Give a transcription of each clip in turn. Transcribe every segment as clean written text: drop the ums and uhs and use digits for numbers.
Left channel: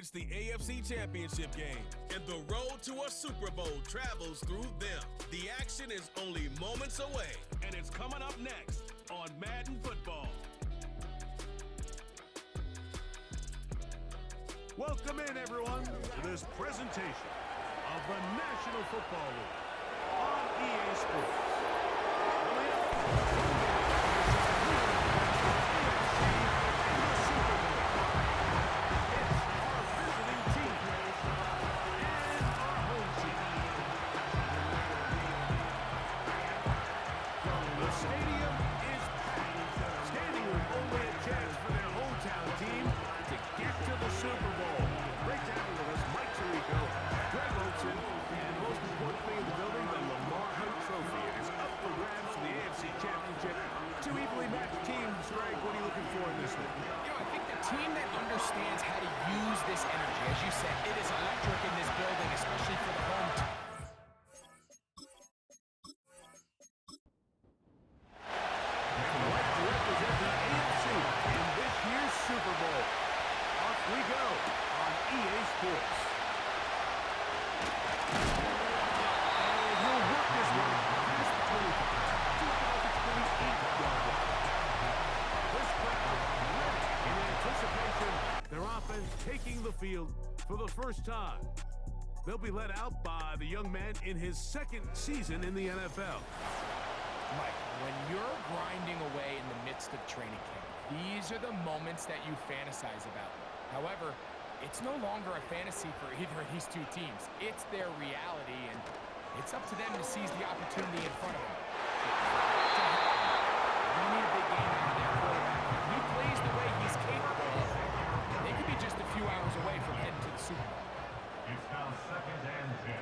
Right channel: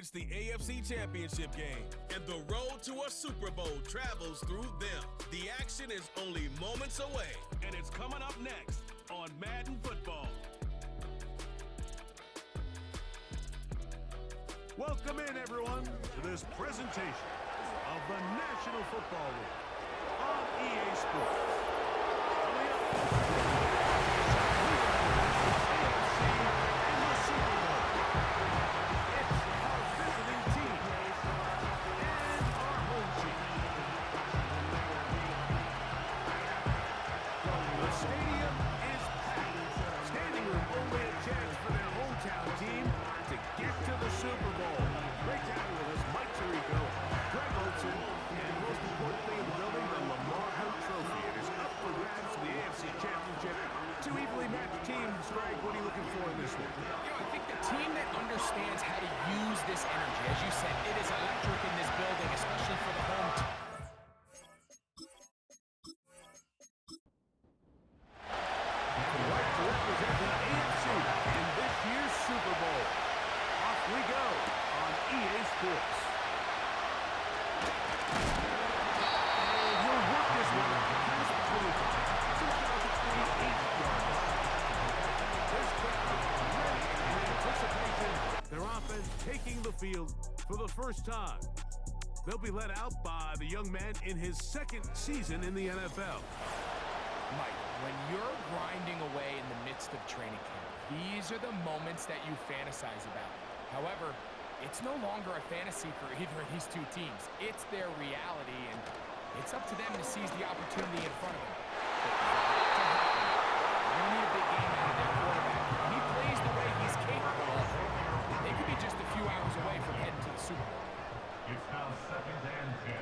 It's the AFC Championship game, and the road to a Super Bowl travels through them. The action is only moments away, and it's coming up next on Madden Football. Welcome in, everyone, to this presentation of the National Football League on EA Sports. Coming up, AFC in the Super Bowl. It's our visiting team and our home team. The stadium is packed. Standing room only a chance for their hometown team to get to the Super Bowl. Great to have you with us, Mike Tirico, Greg Olson, and the most important thing in the building, the Lamar Hunt Trophy. It is up for grabs for the AFC Championship. Two evenly matched teams. Greg, what are you looking for in this one? You know, I think the team that understands how to use this energy, as you said, it is electric in this building, especially for the home team. Right to represent the AFC in this year's Super Bowl. Off we go on EA Sports. And he'll work this one past the 25 to about the 28-yard line. This crowd ready in anticipation. Their offense taking the field for the first time. They'll be led out by the young man in his second season in the NFL. Mike, when you're grinding away in the midst of training camp, these are the moments that you fantasize about. However, it's no longer a fantasy for either of these two teams. It's their reality, and it's up to them to seize the opportunity in front of them. But for that to happen, they're going to need a big game out of their quarterback. If he plays the way he's capable of, they could be just a few hours away from heading to the Super Bowl. It's now 2nd and 10.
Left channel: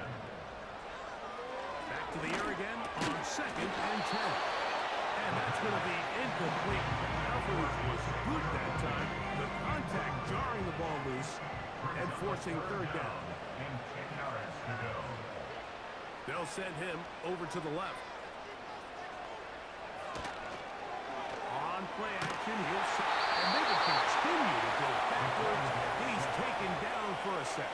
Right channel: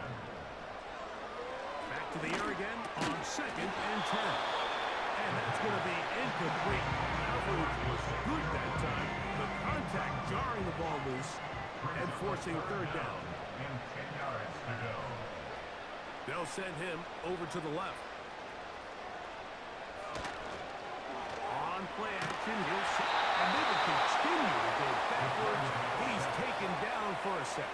Back to the air again on 2nd and 10. And that's going to be incomplete. Coverage was good that time. The contact jarring the ball loose and forcing third down. And 10 yards to go. They'll send him over to the left. On play action, and they will continue to go backwards. He's taken down for a sack.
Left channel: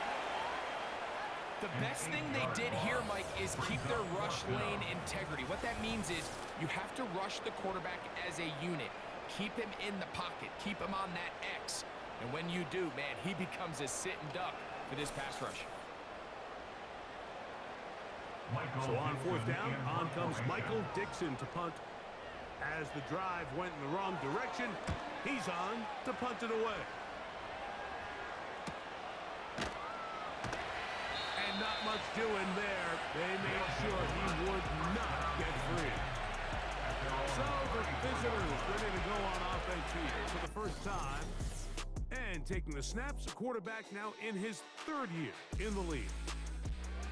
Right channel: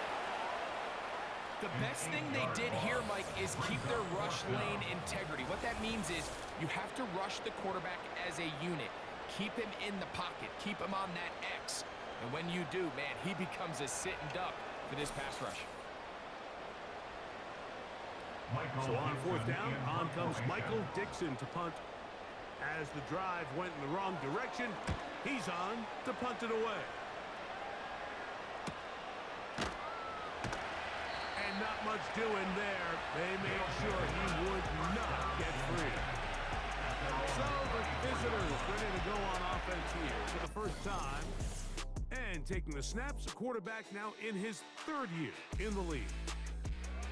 The best thing they did here, Mike, is keep their rush lane integrity. What that means is you have to rush the quarterback as a unit. Keep him in the pocket. Keep him on that X. And when you do, man, he becomes a sitting duck for this pass rush. So on 4th down, on comes Michael Dixon to punt. As the drive went in the wrong direction, he's on to punt it away. And not much doing there. They made sure he would not get free. So the visitors ready to go on offense here for the first time. And taking the snaps, a quarterback now in his 3rd year in the league.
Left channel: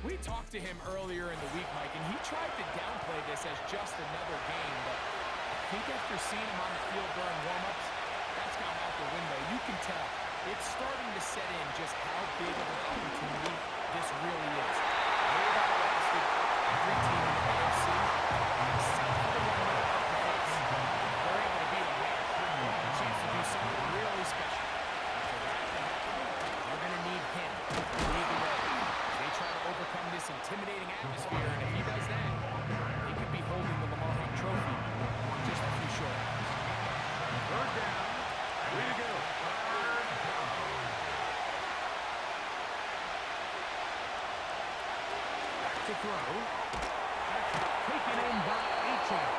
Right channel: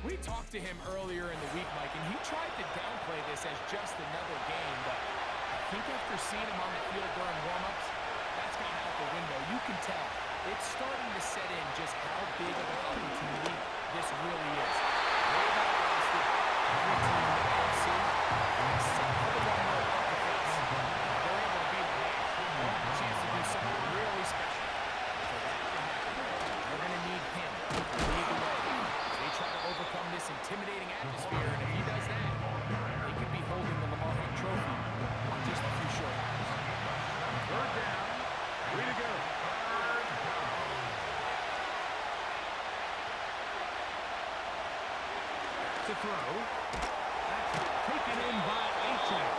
We talked to him earlier in the week, Mike, and he tried to downplay this as just another game, but I think after seeing him on the field during warm-ups, that's gone out the window. You can tell it's starting to set in just how big of an opportunity this really is. They've outlasted every team in the AFC, except for the one they're about to face. If they're able to beat them, they'll have a chance to do something really special. For that to happen, they're going to need him to lead the way as they try to overcome this intimidating atmosphere, and if he does that, they could be holding the Lamar Hunt Trophy in just a few short hours. 3rd down, 3 to go. To throw. That's taken in by Achane.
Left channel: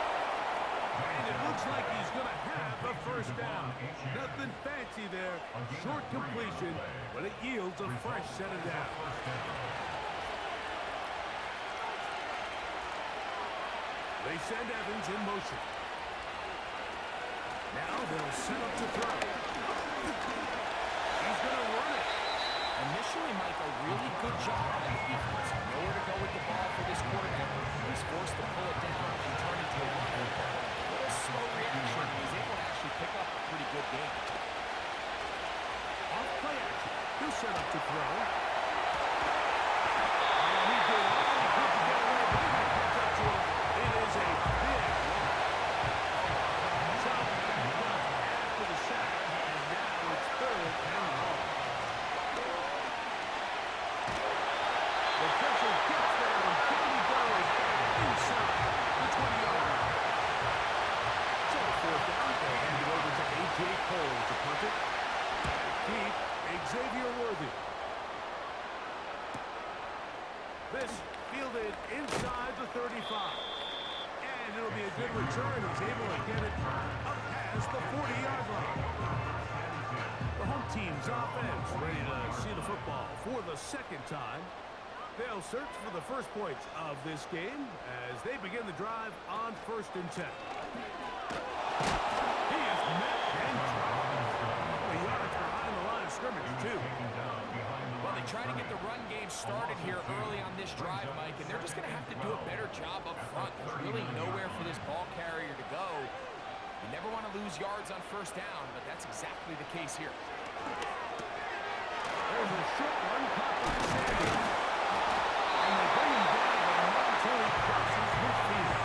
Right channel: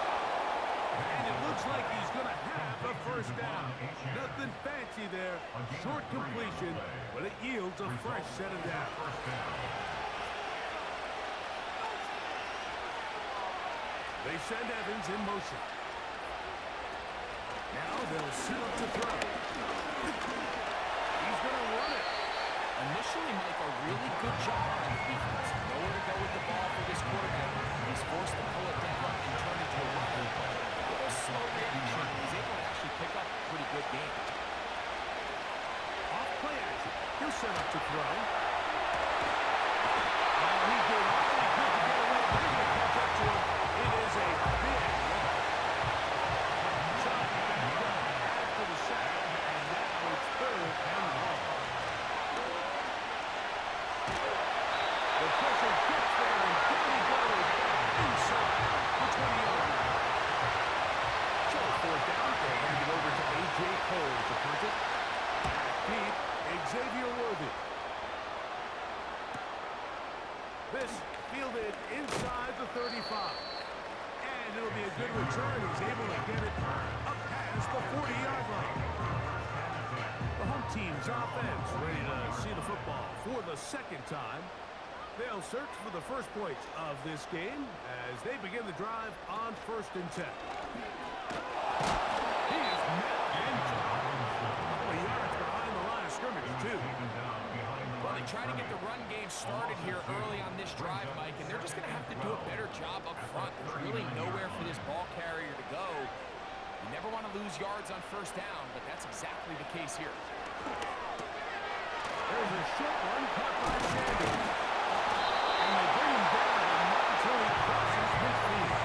And it looks like he's going to have a first down. Nothing fancy there. Short completion, but it yields a fresh set of downs. They send Evans in motion. Now they'll set up to throw. He's going to run it. Initially, Mike, a really good job by the defense. Nowhere to go with the ball for this quarterback. He's forced to pull it down and turn into a runner. A little slow reaction, and he's able to actually pick up a pretty good game. Off play action. He'll set up to throw. Oh, he did all he could to get away, but he's going to catch up to him. It is a big loss. Chopped back up after the sack, and now it's 3rd and long. The pressure gets there, and down he goes back inside the 20-yard line. So fourth down, they hand it over to A.J. Cole to punt it. Back deep, Xavier Worthy. This fielded inside the 35. And it'll be a good return. He's able to get it up past the 40-yard line. The home team's offense ready to see the football for the second time. They'll search for the first points of this game as they begin the drive on 1st and 10. He is met and dropped. A couple of yards behind the line of scrimmage, too. Well, they try to get the run game started here early on this drive, Mike, and they're just going to have to do a better job up front. There's really nowhere for this ball carrier to go. You never want to lose yards on 1st down, but that's exactly the case here. There's a short one caught by Sanders. And they bring him down, but not until he crosses midfield.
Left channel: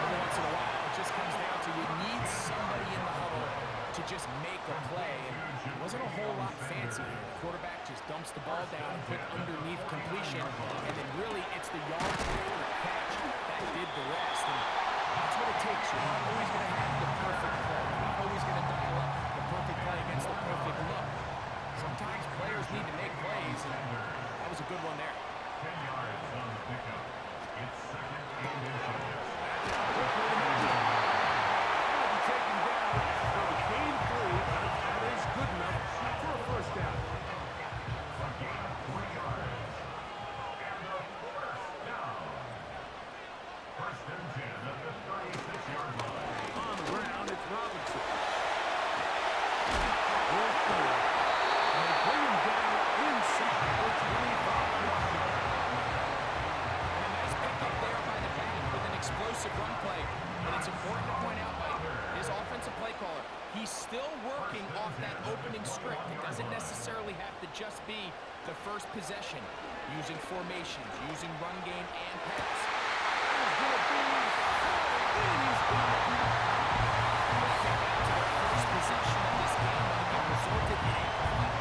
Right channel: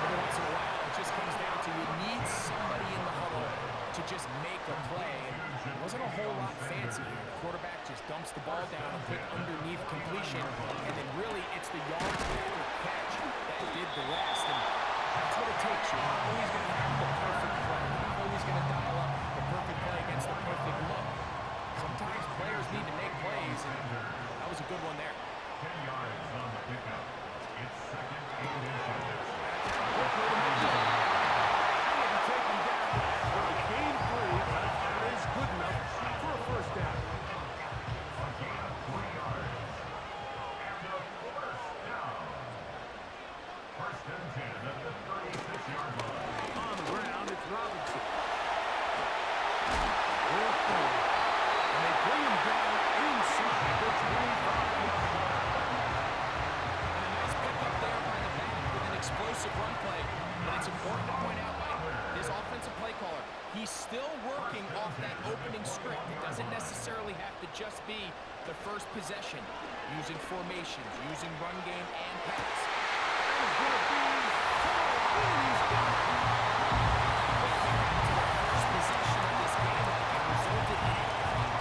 Every once in a while, it just comes down to you need somebody in the huddle to just make a play. And it wasn't a whole lot fancy here. The quarterback just dumps the ball down, a quick underneath completion, and then really it's the yards after catch that did the rest. And that's what it takes. You're not always going to have the perfect play. You're not always going to dial up the perfect play against the perfect look. Sometimes players need to make plays, and that was a good one there. 10 yards on the pickup. It's 2nd and inches. That's out quickly to Mitchell. And it'll be taken down after a gain 3, but that is good enough for a 1st down. A gain of 3 yards. And a 1st down. 1st and 10 at the 36-yard line. On the ground, it's Robinson. And they bring him down inside the 25-yard line. And a nice pickup there by the back with an explosive run play. But it's important to point out, Mike, his offensive play caller, he's still working off that opening script. It doesn't necessarily have to just be the first possession, using formations, using run game and pass. That is going to be called in. He's got it. Quickly back to their first possession of this game, Mike, it resulted in a punt.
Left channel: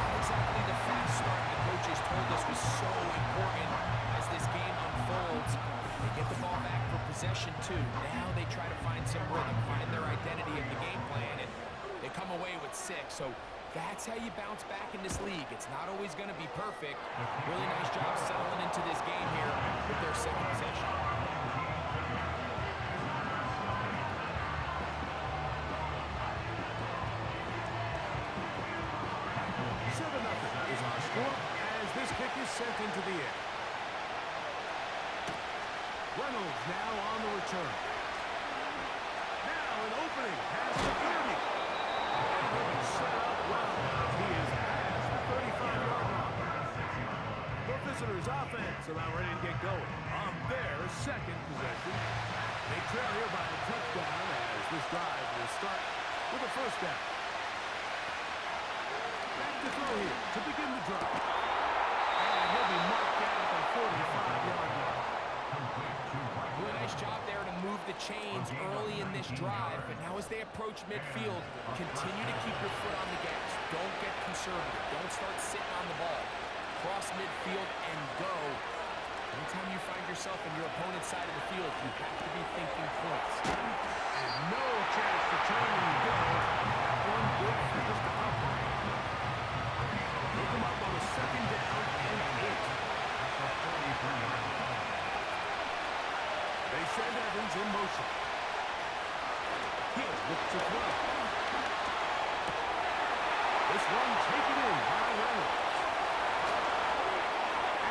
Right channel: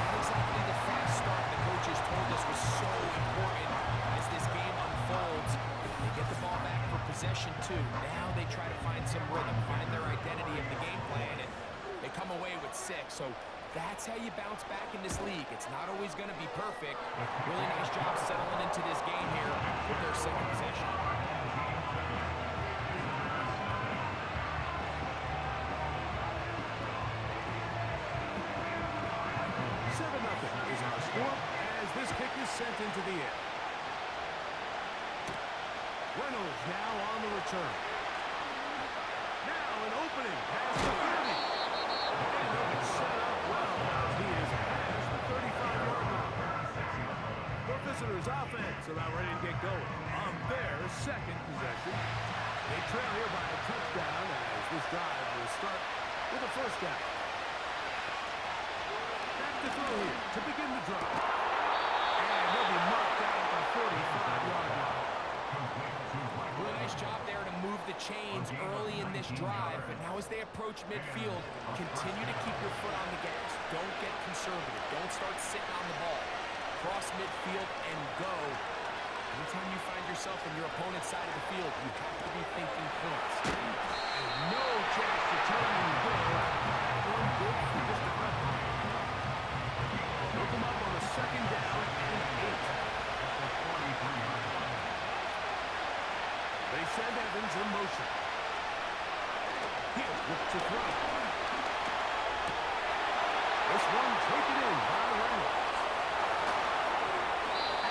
Not exactly the fast start the coaches told us was so important as this game unfolds. They get the ball back for possession 2. Now they try to find some rhythm, find their identity of the game plan, and they come away with 6. So that's how you bounce back in this league. It's not always going to be perfect. Really nice job settling into this game here with their 2nd possession. 7-0 is our score as this kick is sent into the air. Reynolds now on the return. Now an opening past the 30. And he'll be set up well as he is past the 35-yard line. The visitors' offense about ready to get going on their 2nd possession. They trail here by a touchdown as this drive will start with a 1st down. Back to throw here to begin the drive. And he'll be marked down at the 45-yard line. Really nice job there to move the chains early in this drive, but now as they approach midfield, continue to keep your foot on the gas. Don't get conservative. Don't start sitting on the ball. Cross midfield and go. Anytime you find yourself in your opponent's side of the field, you have to be thinking points. And no chance to turn and go. That one good for just a couple. Look him up on the 2nd down and 8. At the 43-yard line. They send Evans in motion. He'll look to throw. This one taken in by Reynolds.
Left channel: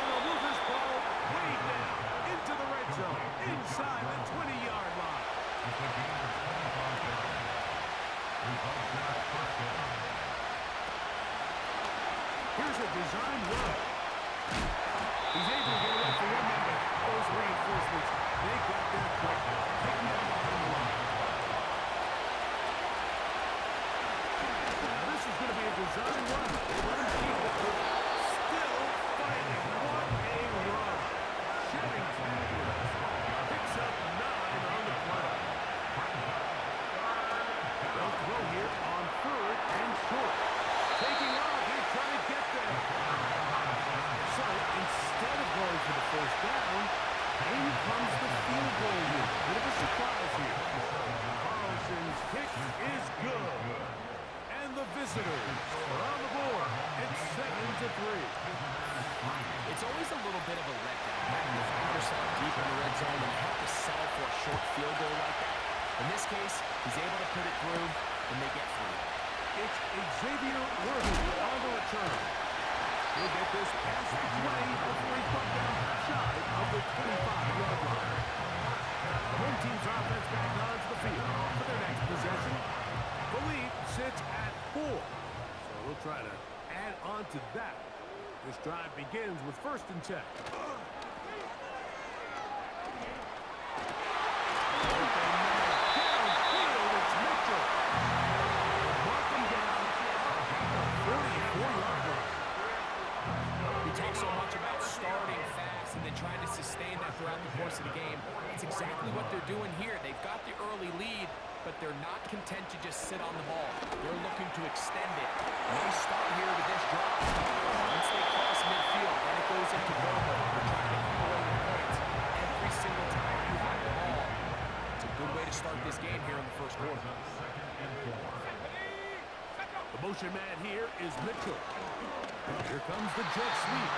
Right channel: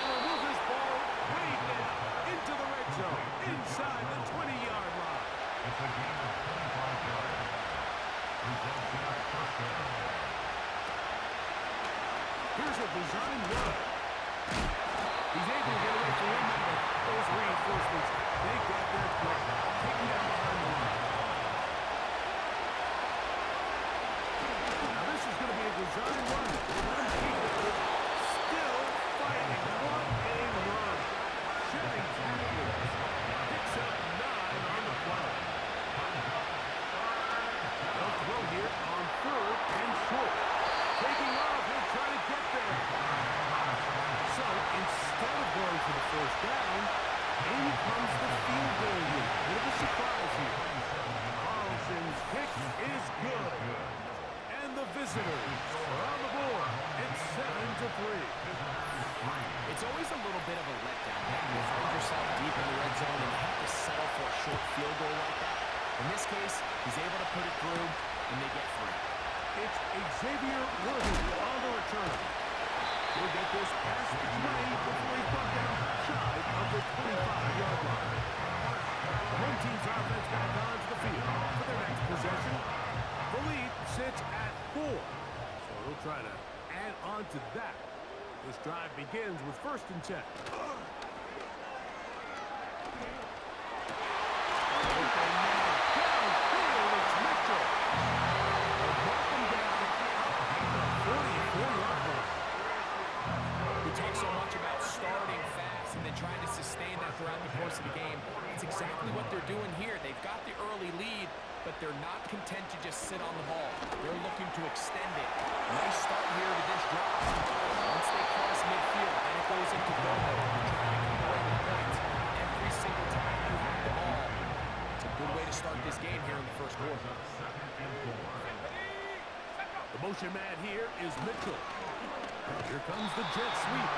And they'll move this ball way down into the red zone, inside the 20-yard line. It's a gain of 25 yards. Results in a 1st down. Here's a design run. He's able to get away from one member. Those reinforcements, they got there quick. Take him down behind the line. Now this is going to be a design run. They let him keep it. Still fighting. What a run. Shedding tackles. Picks up 9 on the play. They'll throw here on 3rd and short. Taking off, he'll try to get there. So, in first down. In comes the field goal unit. Bit of a surprise here. Carlson's kick is good. And the visitors are on the board. It's 7-3. It's always a little bit of a letdown when you find yourself deep in the red zone and you have to settle for a short field goal like that. In this case, he's able to put it through, and they get free. It's Xavier Worthy on the return. He'll get this past the 20 before he's brought down shy of the 25-yard line. The home team's offense back onto the field for their next possession. The lead sits at 4, so they'll try to add on to that. This drive begins with 1st and 10. Open man downfield, it's Mitchell. They'll mark him down up at the 44-yard line. We talk so much about starting fast and then trying to sustain that throughout the course of the game. It's exactly what they're doing here. They've got the early lead, but they're not content to just sit on the ball. They're looking to extend it. Nice start here to this drive. Once they cross midfield, then it goes into go mode. You're trying to come away with points every single time you have the ball. It's a good way to start this game here in the first quarter. The motion man here is Mitchell. Here comes the jet sweep.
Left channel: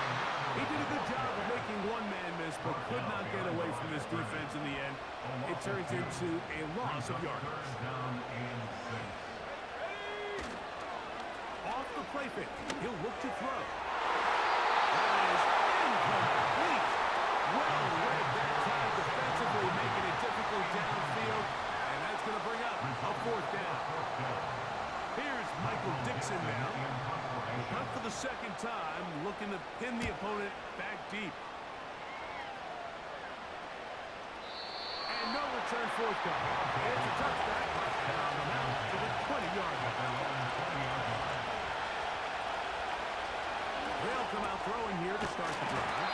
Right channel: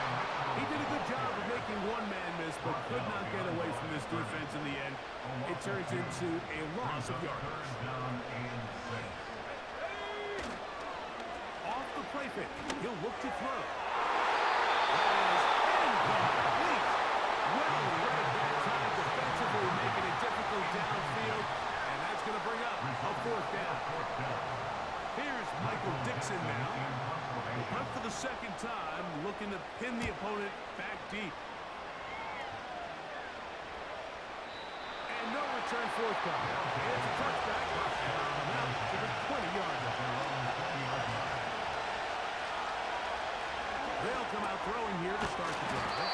He did a good job of making one man miss, but could not get away from this defense in the end. It turns into a loss of yardage. Off the play fake, he'll look to throw. That is incomplete. Well read that time defensively, making it difficult downfield, and that's going to bring up a 4th down. Here's Michael Dixon now. Punt for the 2nd time, looking to pin the opponent back deep. And no return forthcoming. It's a touchback, and it'll come out to the 20-yard line. They'll come out throwing here to start the drive.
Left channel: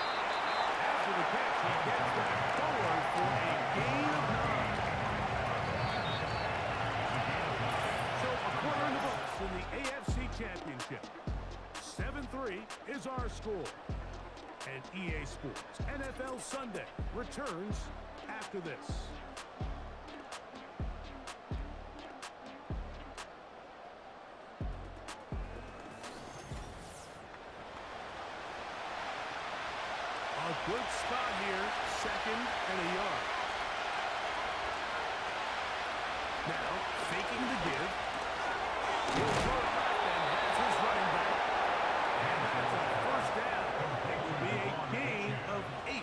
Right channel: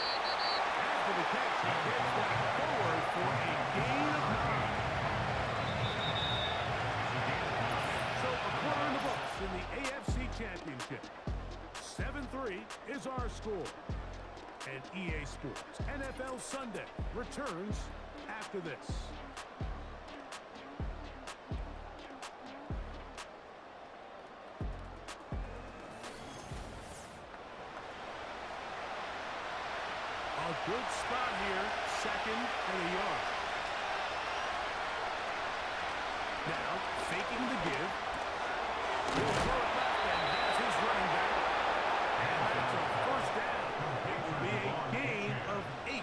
After the catch, he gets that forward for a gain of 9. So a quarter in the books in the AFC Championship. 7-3 is our score. And EA Sports NFL Sunday returns after this. A good spot here, 2nd and a yard. Now, faking the give. He'll throw it left and has his running back. And that's a 1st down. It will be a gain of 8. An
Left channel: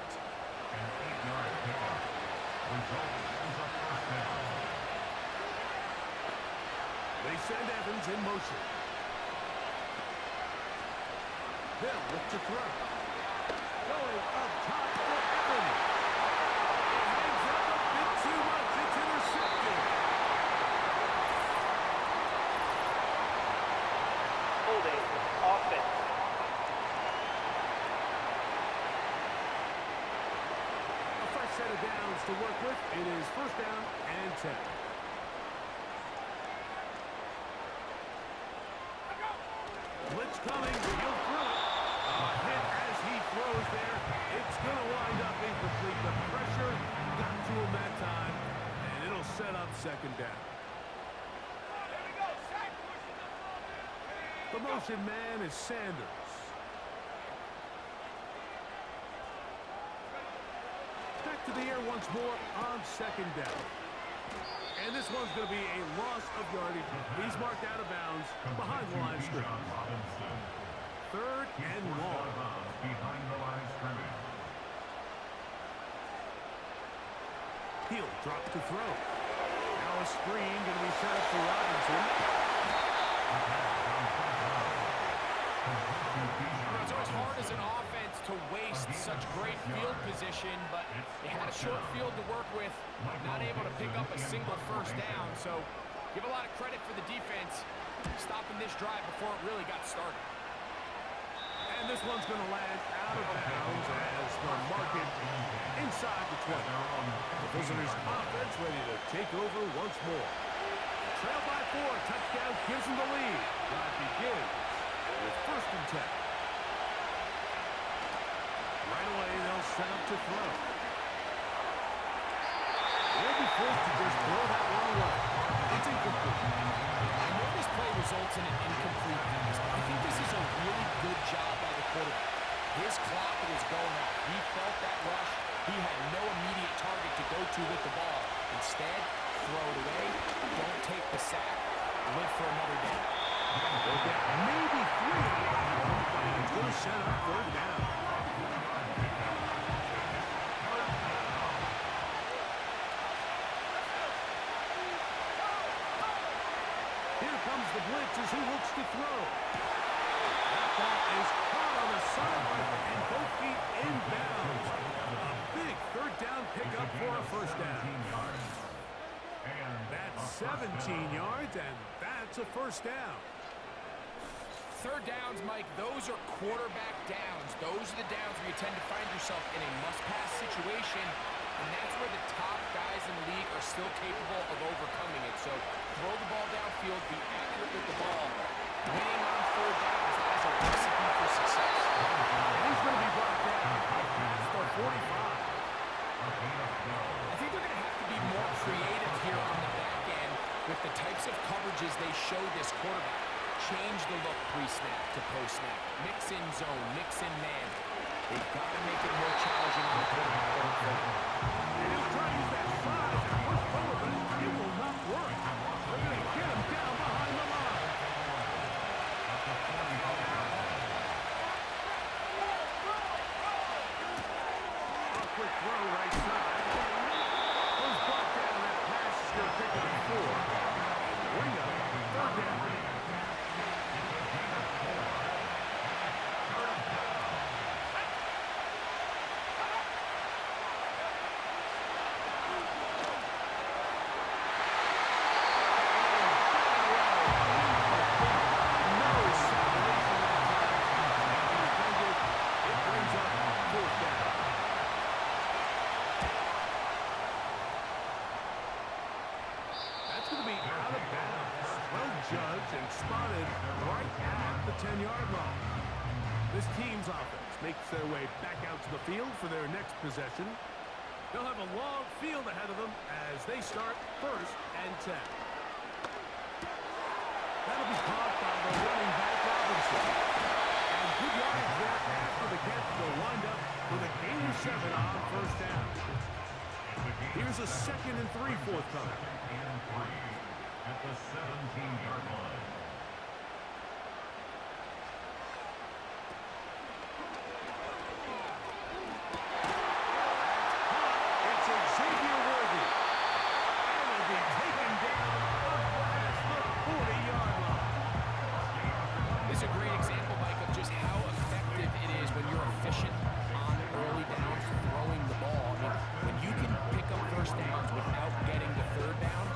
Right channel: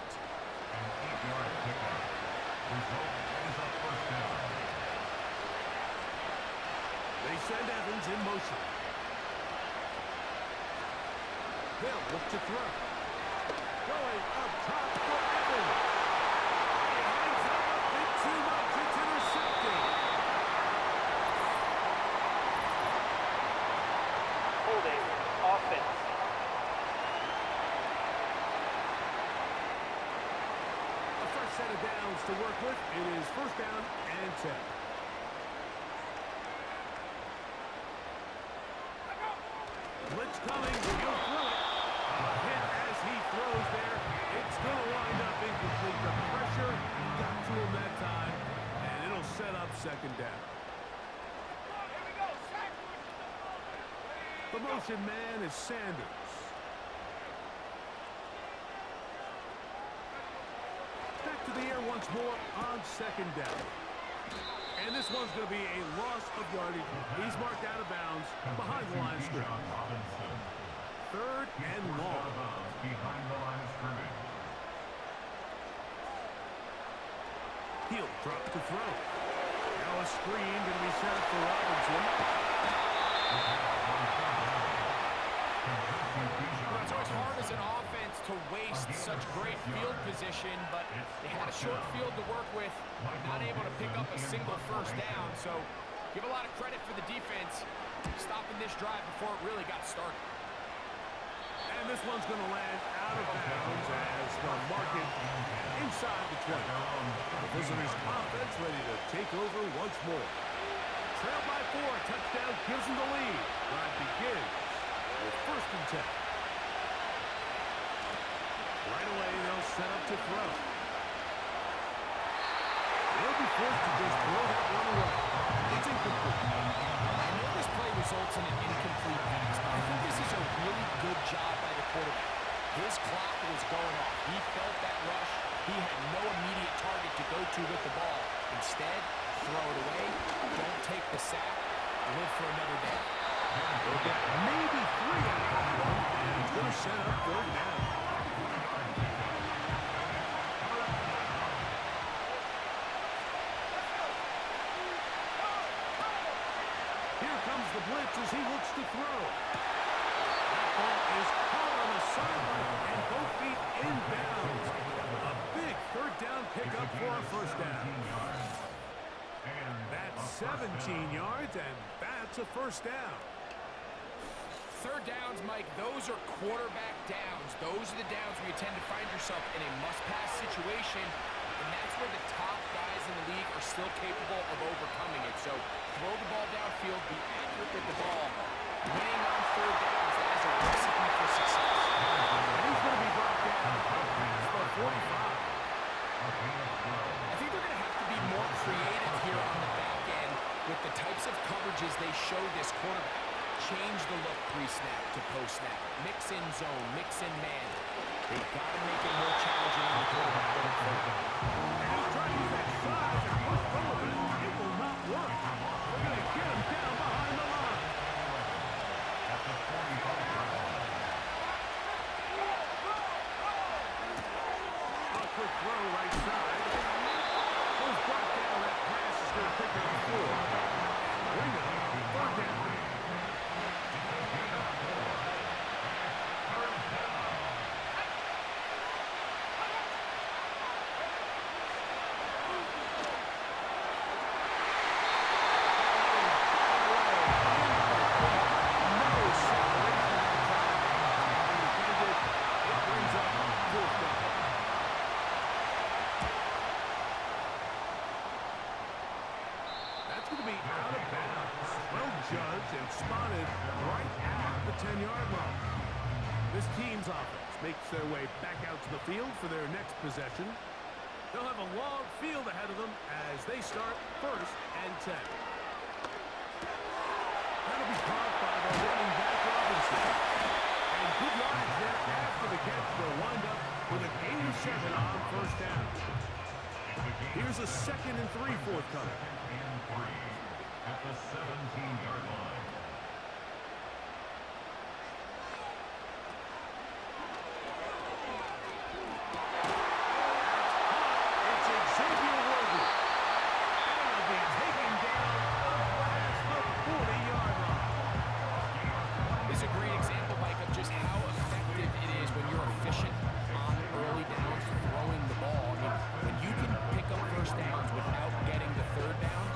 8-yard pickup. Result is a 1st down. They send Evans in motion. They'll look to throw. Going up top for Evans. It hangs up a bit too much. It's intercepted. Holding offense. A fresh set of downs to work with. It is 1st down and 10. Blitz coming. He'll throw it. A hit as he throws there. It's going to wind up incomplete. The pressure got to him that time, and it'll set up 2nd down. The motion man is Sanders. Back to the air once more on 2nd down. And this one's going to be a loss of yardage. He's marked out of bounds behind the line of scrimmage. 3rd and long. Behind the line of scrimmage. He'll drop to throw. Now a screen going to be set up for Robinson. It's always hard as an offense to waste such great field position, but they had a short field to work with, not able to pick up a single 1st down. So give a lot of credit for the defense stopping this drive before it really got started. And this one's going to land out of bounds as they'll mark it inside the 20. The visitors' offense ready to take over once more. Trailed by 4, a touchdown gives them the lead. Drive begins with 1st and 10. Right away, they'll set up to throw. They'll be forced to just throw that one away. It's incomplete. I know this play results in an incomplete pass, but I think this is a really good job by the quarterback. His clock was going off. He felt that rush. He had no immediate target to go to with the ball. Instead, throw it away. Don't take the sack. Live for another day. They'll get maybe 3 out of that one, and it's going to set up 3rd down. Here comes the blitz as he looks to throw. That ball is caught on the sideline, and both feet inbounds. A big 3rd down pickup for a 1st down. That's 17 yards, and that's a 1st down. 3rd downs, Mike, those are quarterback downs. Those are the downs where you tend to find yourself in a must-pass situation, and that's where the top guys in the league are still capable of overcoming it. So throw the ball downfield, be accurate with the ball. Winning on 3rd downs, that is a recipe for success. And he's going to be brought down up past the 45. I think they're going to have to be more creative here on the back end with the types of coverages they show this quarterback. Change the look pre-snap to post-snap. Mix in zone, mix in man. They've got to make it more challenging on the quarterback going forward. And he'll try to use that size and push forward, but it will not work. They're going to get him down behind the line. A quick throw right side. Was brought down. That pass is going to pick up 4. And bring up 3rd down. Judged and spotted right at the 10-yard line. This team's offense makes their way back out to the field for their next possession. They'll have a long field ahead of them as they start 1st and 10. That'll be caught by the running back Robinson. And good yardage there after the catch. They'll wind up with a gain of 7 on 1st down. Here's a 2nd and 3 forthcoming. At the 17-yard line. That's caught. It's Xavier Worthy. And it'll be taken down up past the 40-yard line. This is a great example, Mike, of just how effective it is when you're efficient on early downs throwing the ball. I mean, when you can pick up 1st downs without getting the 3rd down,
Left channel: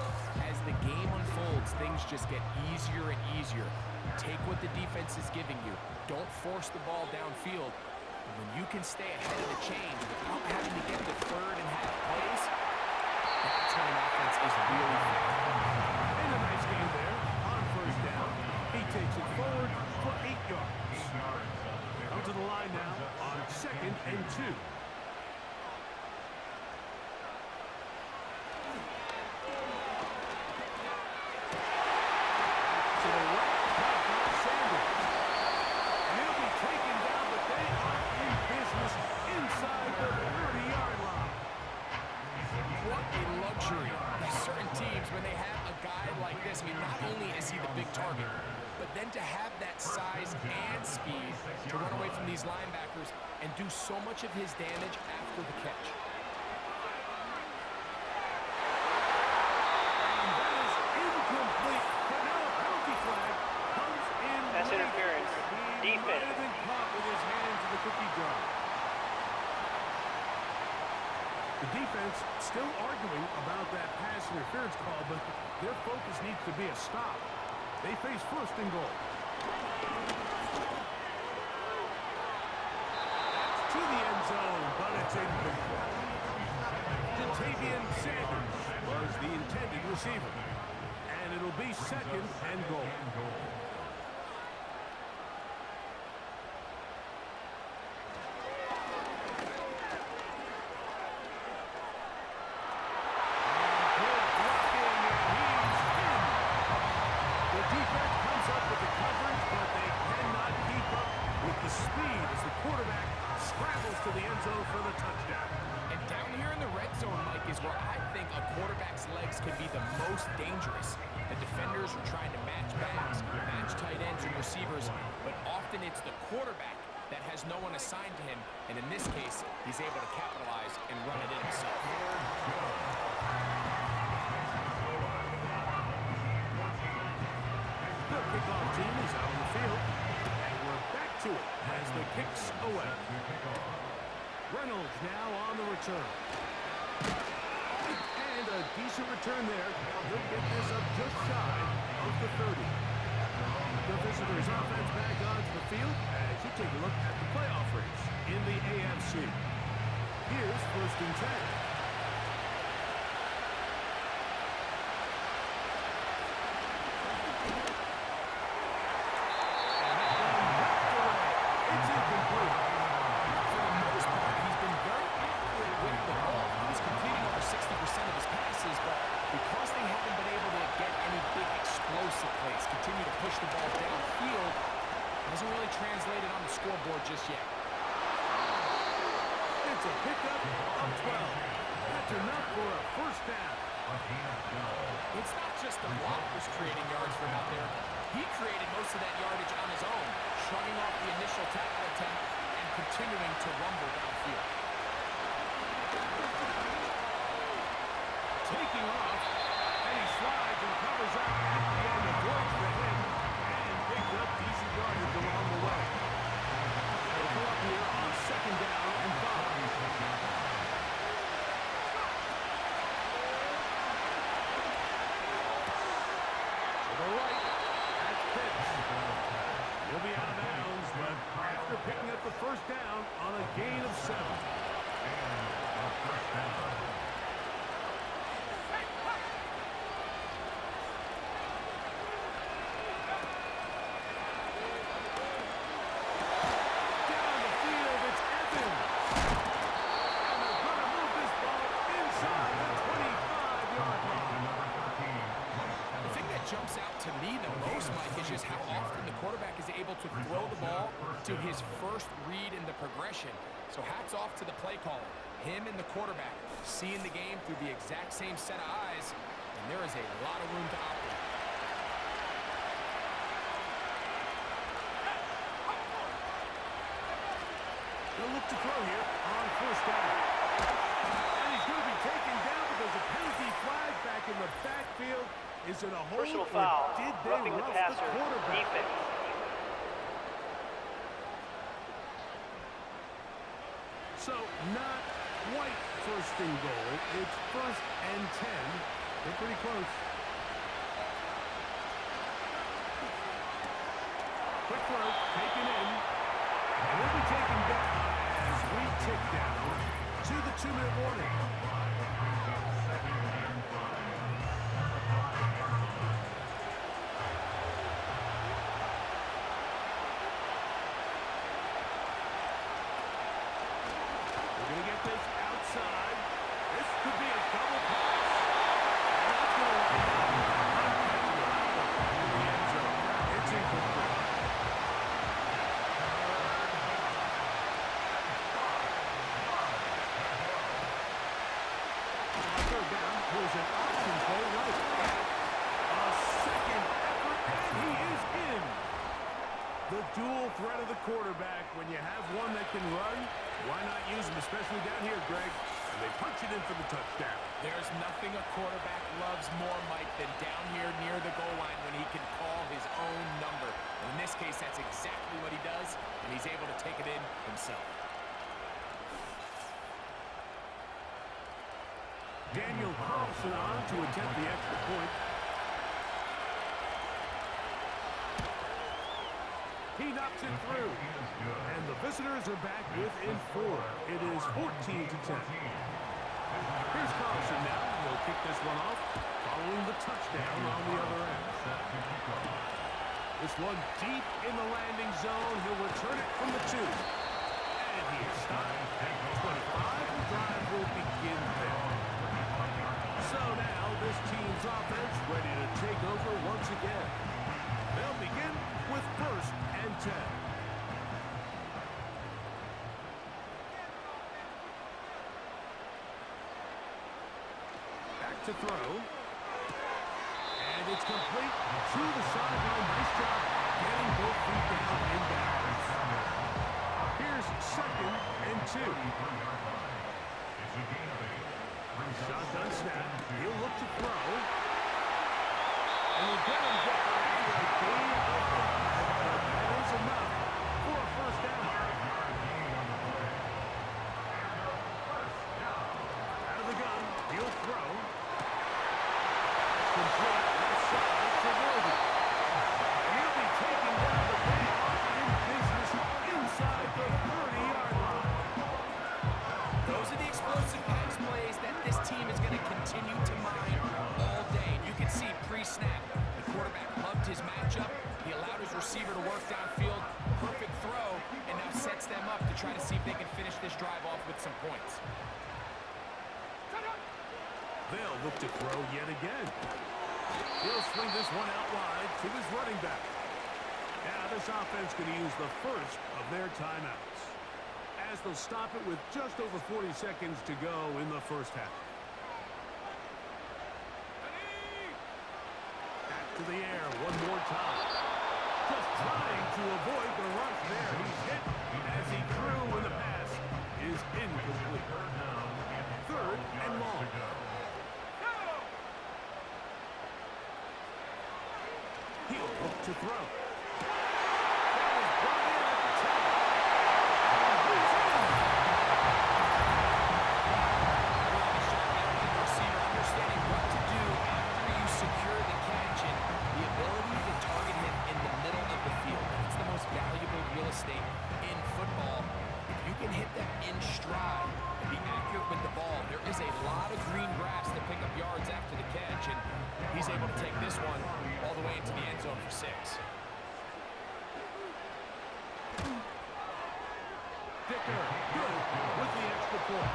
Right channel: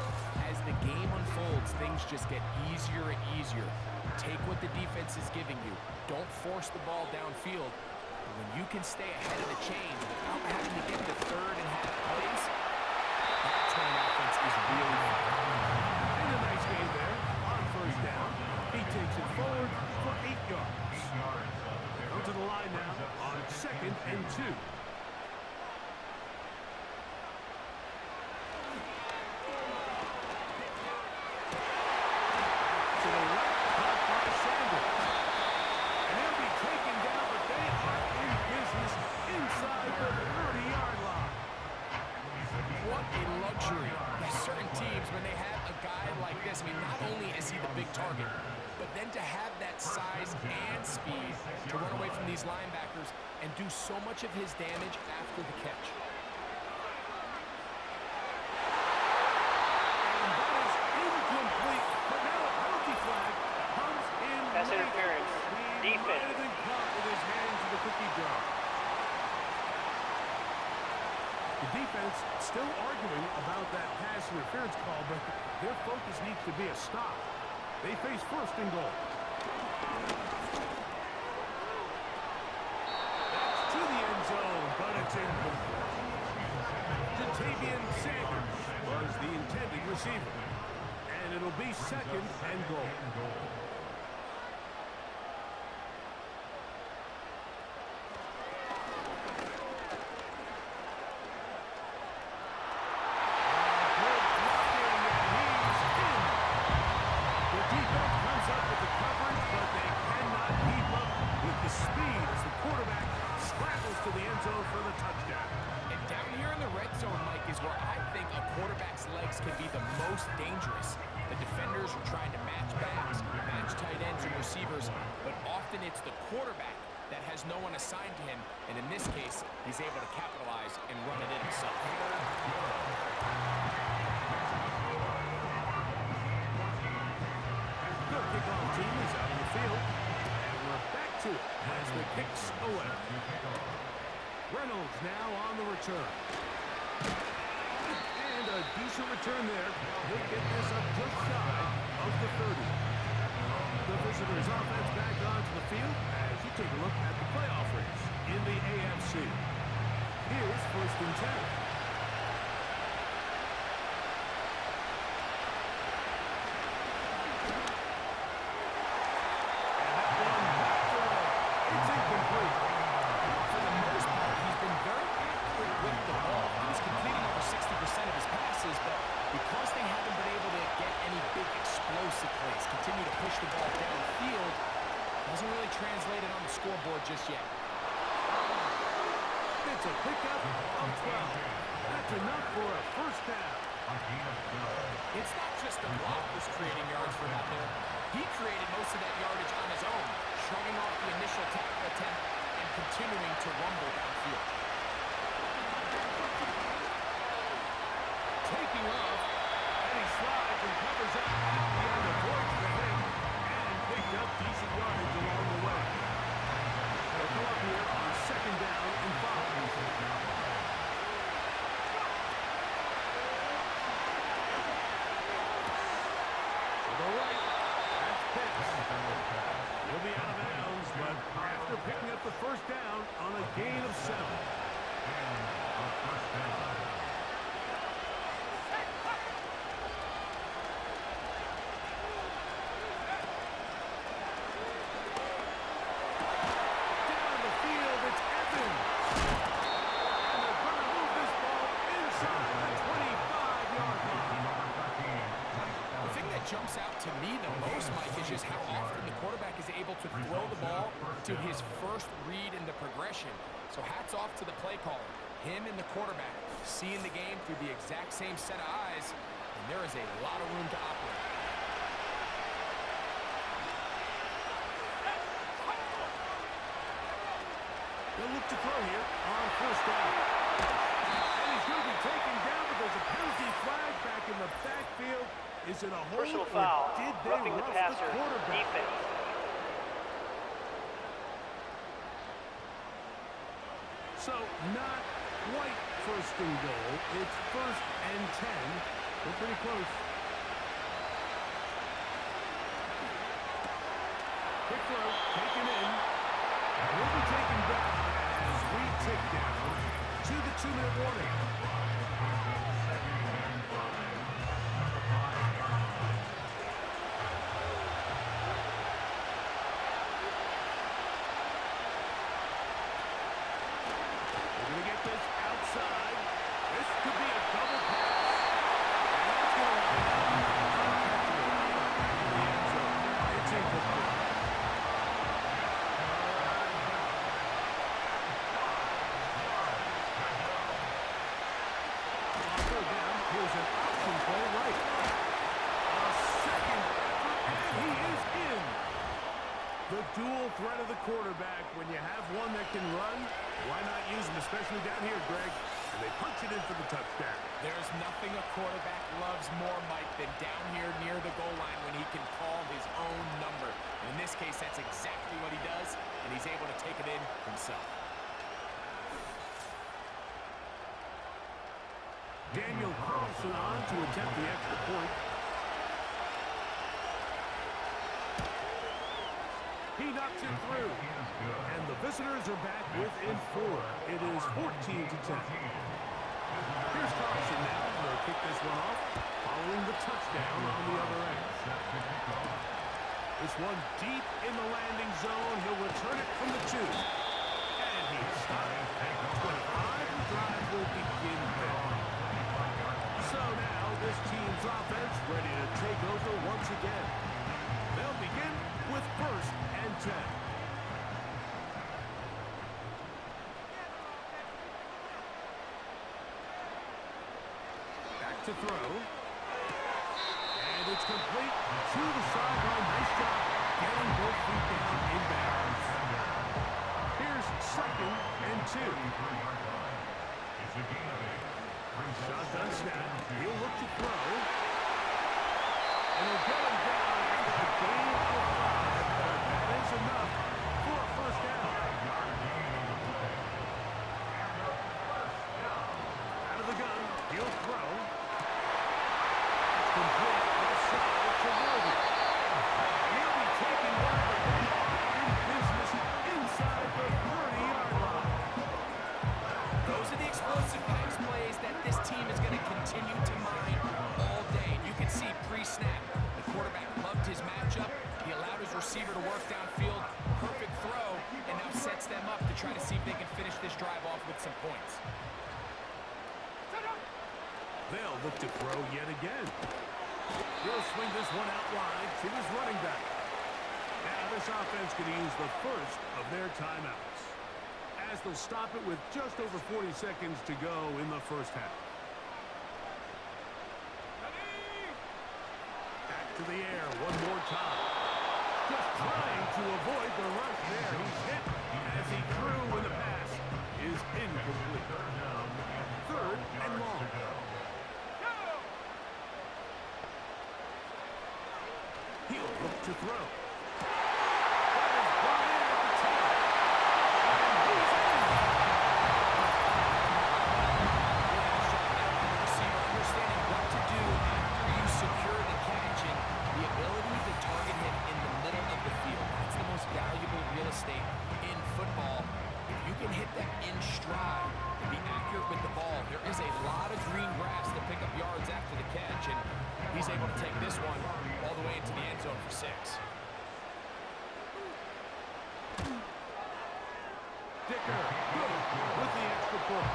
as the game unfolds, things just get easier and easier. Take what the defense is giving you. Don't force the ball downfield. And when you can stay ahead of the chains without having to get to 3rd and half plays, that's when an offense is really fun. And a nice game there on 1st down. He takes it forward for 8 yards. Come to the line now on 2nd and 2. To the right, caught by Sanders. And he'll be taken down, but they are in business inside the 30-yard line. What a luxury. There's certain teams, when they have a guy like this, I mean, not only is he the big target, but then to have that size and speed to run away from these linebackers and do so much of his damage after the catch. And that is incomplete. But now a penalty flag comes in. Pass interference. He might Defense. have been caught with his hands in the cookie jar. The defense still arguing about that pass interference call, but their focus needs to be a stop. They face 1st and goal. That's to the end zone, but it's incomplete. Jatavian Sanders was the intended receiver. And it'll be 2nd and goal. to the end zone for the touchdown. And down here in the red zone, Mike, is where I think a quarterback's legs can be the most dangerous. The defenders are trying to match backs, match tight ends and receivers, but often it's the quarterback that has no one assigned to him, and in this case, he's able to capitalize and run it in himself. The kickoff team is out on the field, and we're back to it as the kick's away. Reynolds now on the return. And a decent return there. He'll get this up just shy of the 30. The visitors' offense back onto the field as you take a look at the playoff race in the AFC. Here's 1st and 10. And that one knocked away. It's incomplete. For the most part, he's been very accurate with the ball. He's completing over 60% of his passes, but because they haven't been able to get any big explosive plays, continue to push the ball downfield, hasn't really translated on the scoreboard just yet. It's a pickup of 12. That's enough for a 1st down. It's not just the block was creating yards for him out there. He created most of that yardage on his own, shrugging off the initial tackle attempt and continuing to rumble downfield. Taking off, and he slides and covers up at the end, avoids the hit, and picked up decent yardage along the way. They'll come up here on 2nd down and 5. To the right, that's Pitts. He'll be out of bounds, but after picking up the 1st down on a gain of 7. And a 1st down. Down the field, it's Evans. And they're going to move this ball inside the 25-yard line. The thing that jumps out to me the most, Mike, is just how often the quarterback is able to throw the ball to his first read in the progression. So hats off to the play caller. Him and the quarterback seeing the game through the exact same set of eyes, and there is a lot of room to operate. They'll look to throw here on 1st down. And he's going to be taken down, but there's a penalty flag back in the backfield. Is it a hold, Personal or foul. did they Roughing the rough passer. the quarterback? Defense. So not quite 1st and goal. It's 1st and 10. They're pretty close. Quick throw, taken in. And he'll be taken down as we tick down to the 2-minute warning. We're going to get this outside. This could be a double pass. And that's going to wind up uncatchable out of the back of the end zone. It's incomplete. On 3rd down, here's an option play right. A 2nd effort, and he is in. The dual threat of the quarterback. When you have one that can run, why not use him, especially down here, Greg? And they punch it in for the touchdown. There's nothing a quarterback loves more, Mike, than down here near the goal line when he can call his own number. And in this case, that's exactly what he does, and he's able to take it in himself. Daniel Carlson on to attempt the extra point. He knocks it through. And the visitors are back within 4. It is 14-10. Here's Carlson now. He'll kick this one off, following the touchdown on the other end. This one deep in the landing zone. He'll return it from the 2. And he is stopped at 25. The drive will begin there. So now this team's offense ready to take over once again. They'll begin with 1st and 10. to throw. And it's complete to the sideline. Nice job getting both feet down in bounds. Here's 2nd and 2. It's a gain of 8. Shotgun snap. He'll look to throw. And he'll get him down after a gain of 5. But that is enough for a first down. 5-yard gain on the play. And a first down. Out of the gun. He'll throw. That's complete. Left side to Worthy. And he'll be taken down, but they are in business inside the 30-yard line. Those are the explosive pass plays that this team is going to continue to mine all day. And you can see pre-snap, the quarterback loved his matchup. He allowed his receiver to work downfield. Perfect throw, and now sets them up to try to see if they can finish this drive off with some points. They'll look to throw yet again. He'll swing this one out wide to his running back. Now this offense going to use the first of their timeouts, as they'll stop it with just over 40 seconds to go in the first half. Back to the air one more time. Just trying to avoid the rush there. He's hit as he threw, and the pass is incomplete. 3rd and long. He'll look to throw. That is brought in at the 10. And he's in. Really nice shot there by the receiver, understanding what to do after you secure the catch, and the ability to target him in the middle of the field. That's the most valuable real estate in football. If you can hit them in stride and be accurate with the ball, there is a lot of green grass to pick up yards after the catch, and he's able to take this one all the way into the end zone for 6. Dicker, good with the extra point.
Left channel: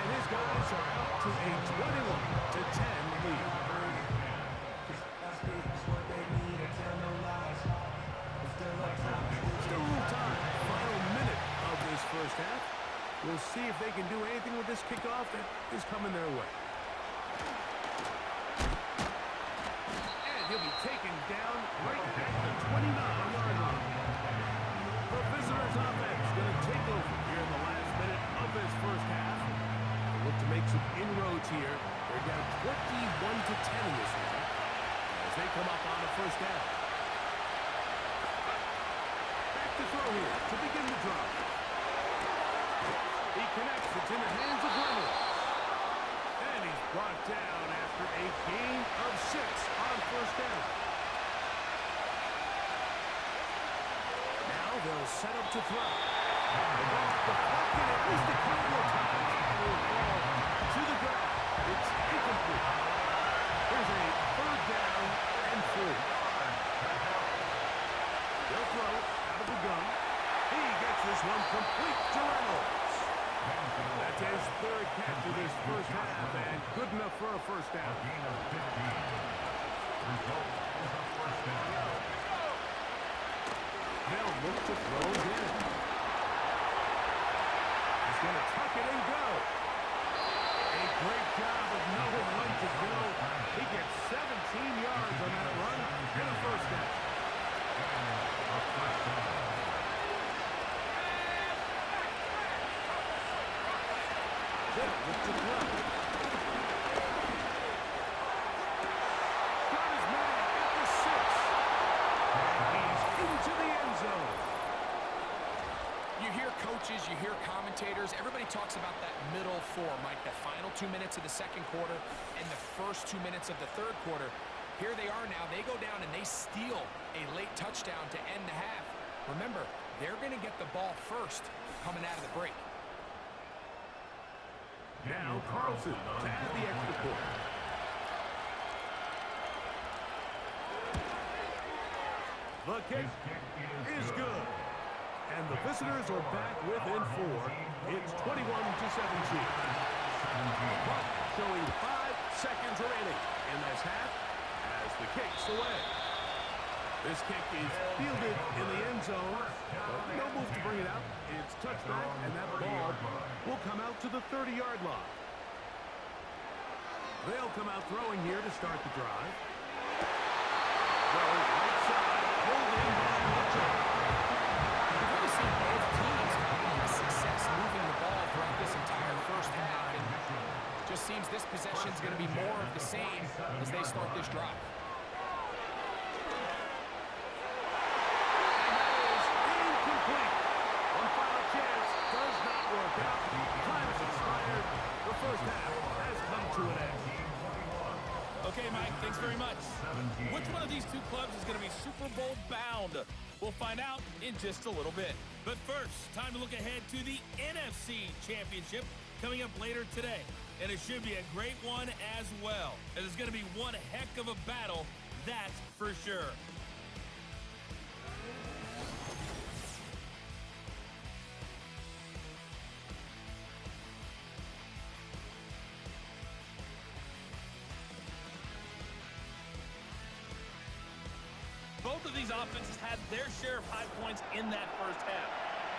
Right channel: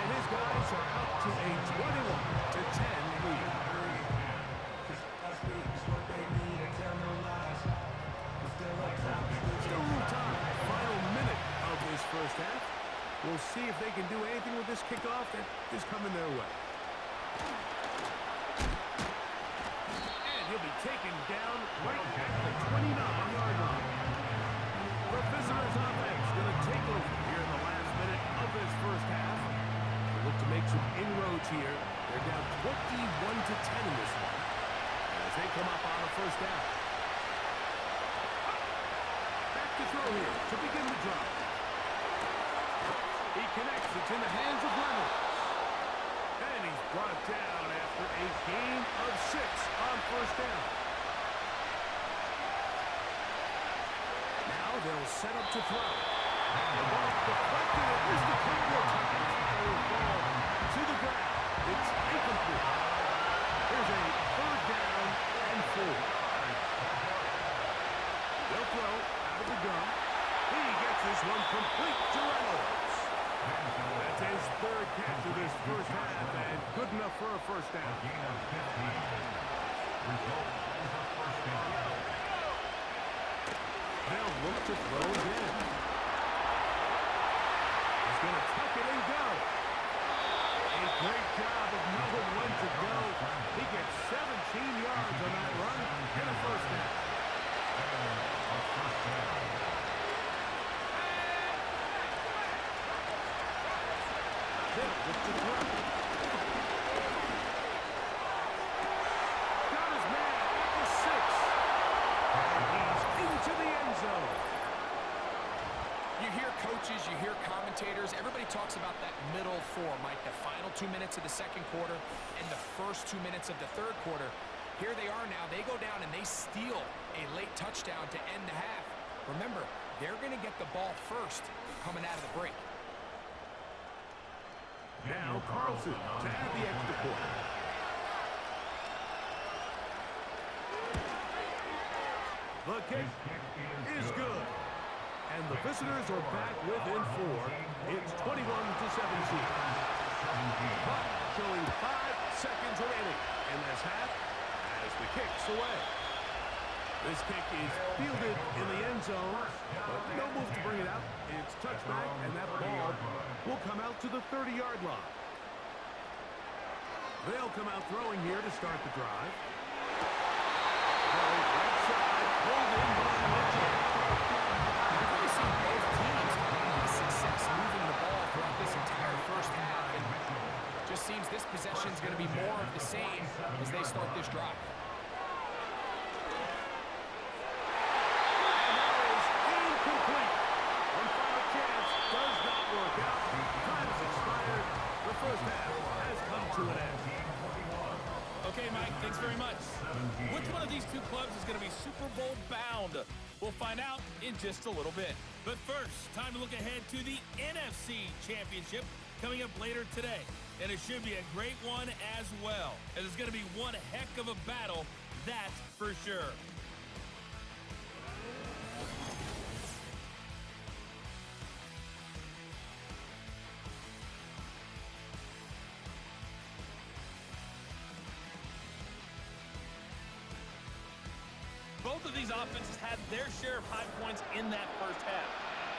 And his guys are out to a 21-10 lead. Still a little time. Final minute of this first half. We'll see if they can do anything with this kickoff that is coming their way. And he'll be taken down right at the 29-yard line. The visitors' offense going to take over here in the last minute of this first half. They'll look to make some inroads here. They're down 21-10 in this one as they come up on a first down. Back to throw here to begin the drive. He connects. It's in the hands of Reynolds. And he's brought down after a gain of 6 on first down. Now they'll set up to throw. The ball deflected at least a couple of times. And it will fall to the ground. It's incomplete. Here's a 3rd down and 4. They'll throw out of the gun. He gets this one complete to Reynolds. That's his 3rd catch of this first half, and good enough for a first down. A gain of 15. Result is a first down. They'll look to throw again. He's going to tuck it and go. A great job of knowing when to go. He gets 17 yards on that run and a first down. A first down. They'll look to throw. Got his man at the 6. And he's into the end zone. You hear coaches, you hear commentators, everybody talks about that middle 4, Mike, the final 2 minutes of the second quarter and the first 2 minutes of the third quarter. Here they are now. They go down and they steal a late touchdown to end the half. Remember, they're going to get the ball first coming out of the break. Now Carlson to add the extra point. The kick is good. And the visitors are back within 4. It's 21-17. But showing 5 seconds remaining in this half as the kick's away. This kick is fielded in the end zone, but no move to bring it out. It's touchback, and that ball will come out to the 30-yard line. They'll come out throwing here to start the drive. Throw right side, pulled in by Mitchell. We've really seen both teams have a lot of success moving the ball throughout this entire first half, and just seems this possession is going to be more of the same as they start this drive. And that is incomplete. One final chance does not work out. Time has expired. The first half has come to an end. Okay, Mike, thanks very much. Which one of these two clubs is going to be Super Bowl bound? We'll find out in just a little bit. But first, time to look ahead to the NFC Championship coming up later today. And it should be a great one as well. And it's going to be one heck of a battle, that's for sure. Both of these offenses had their share of high points in that first half.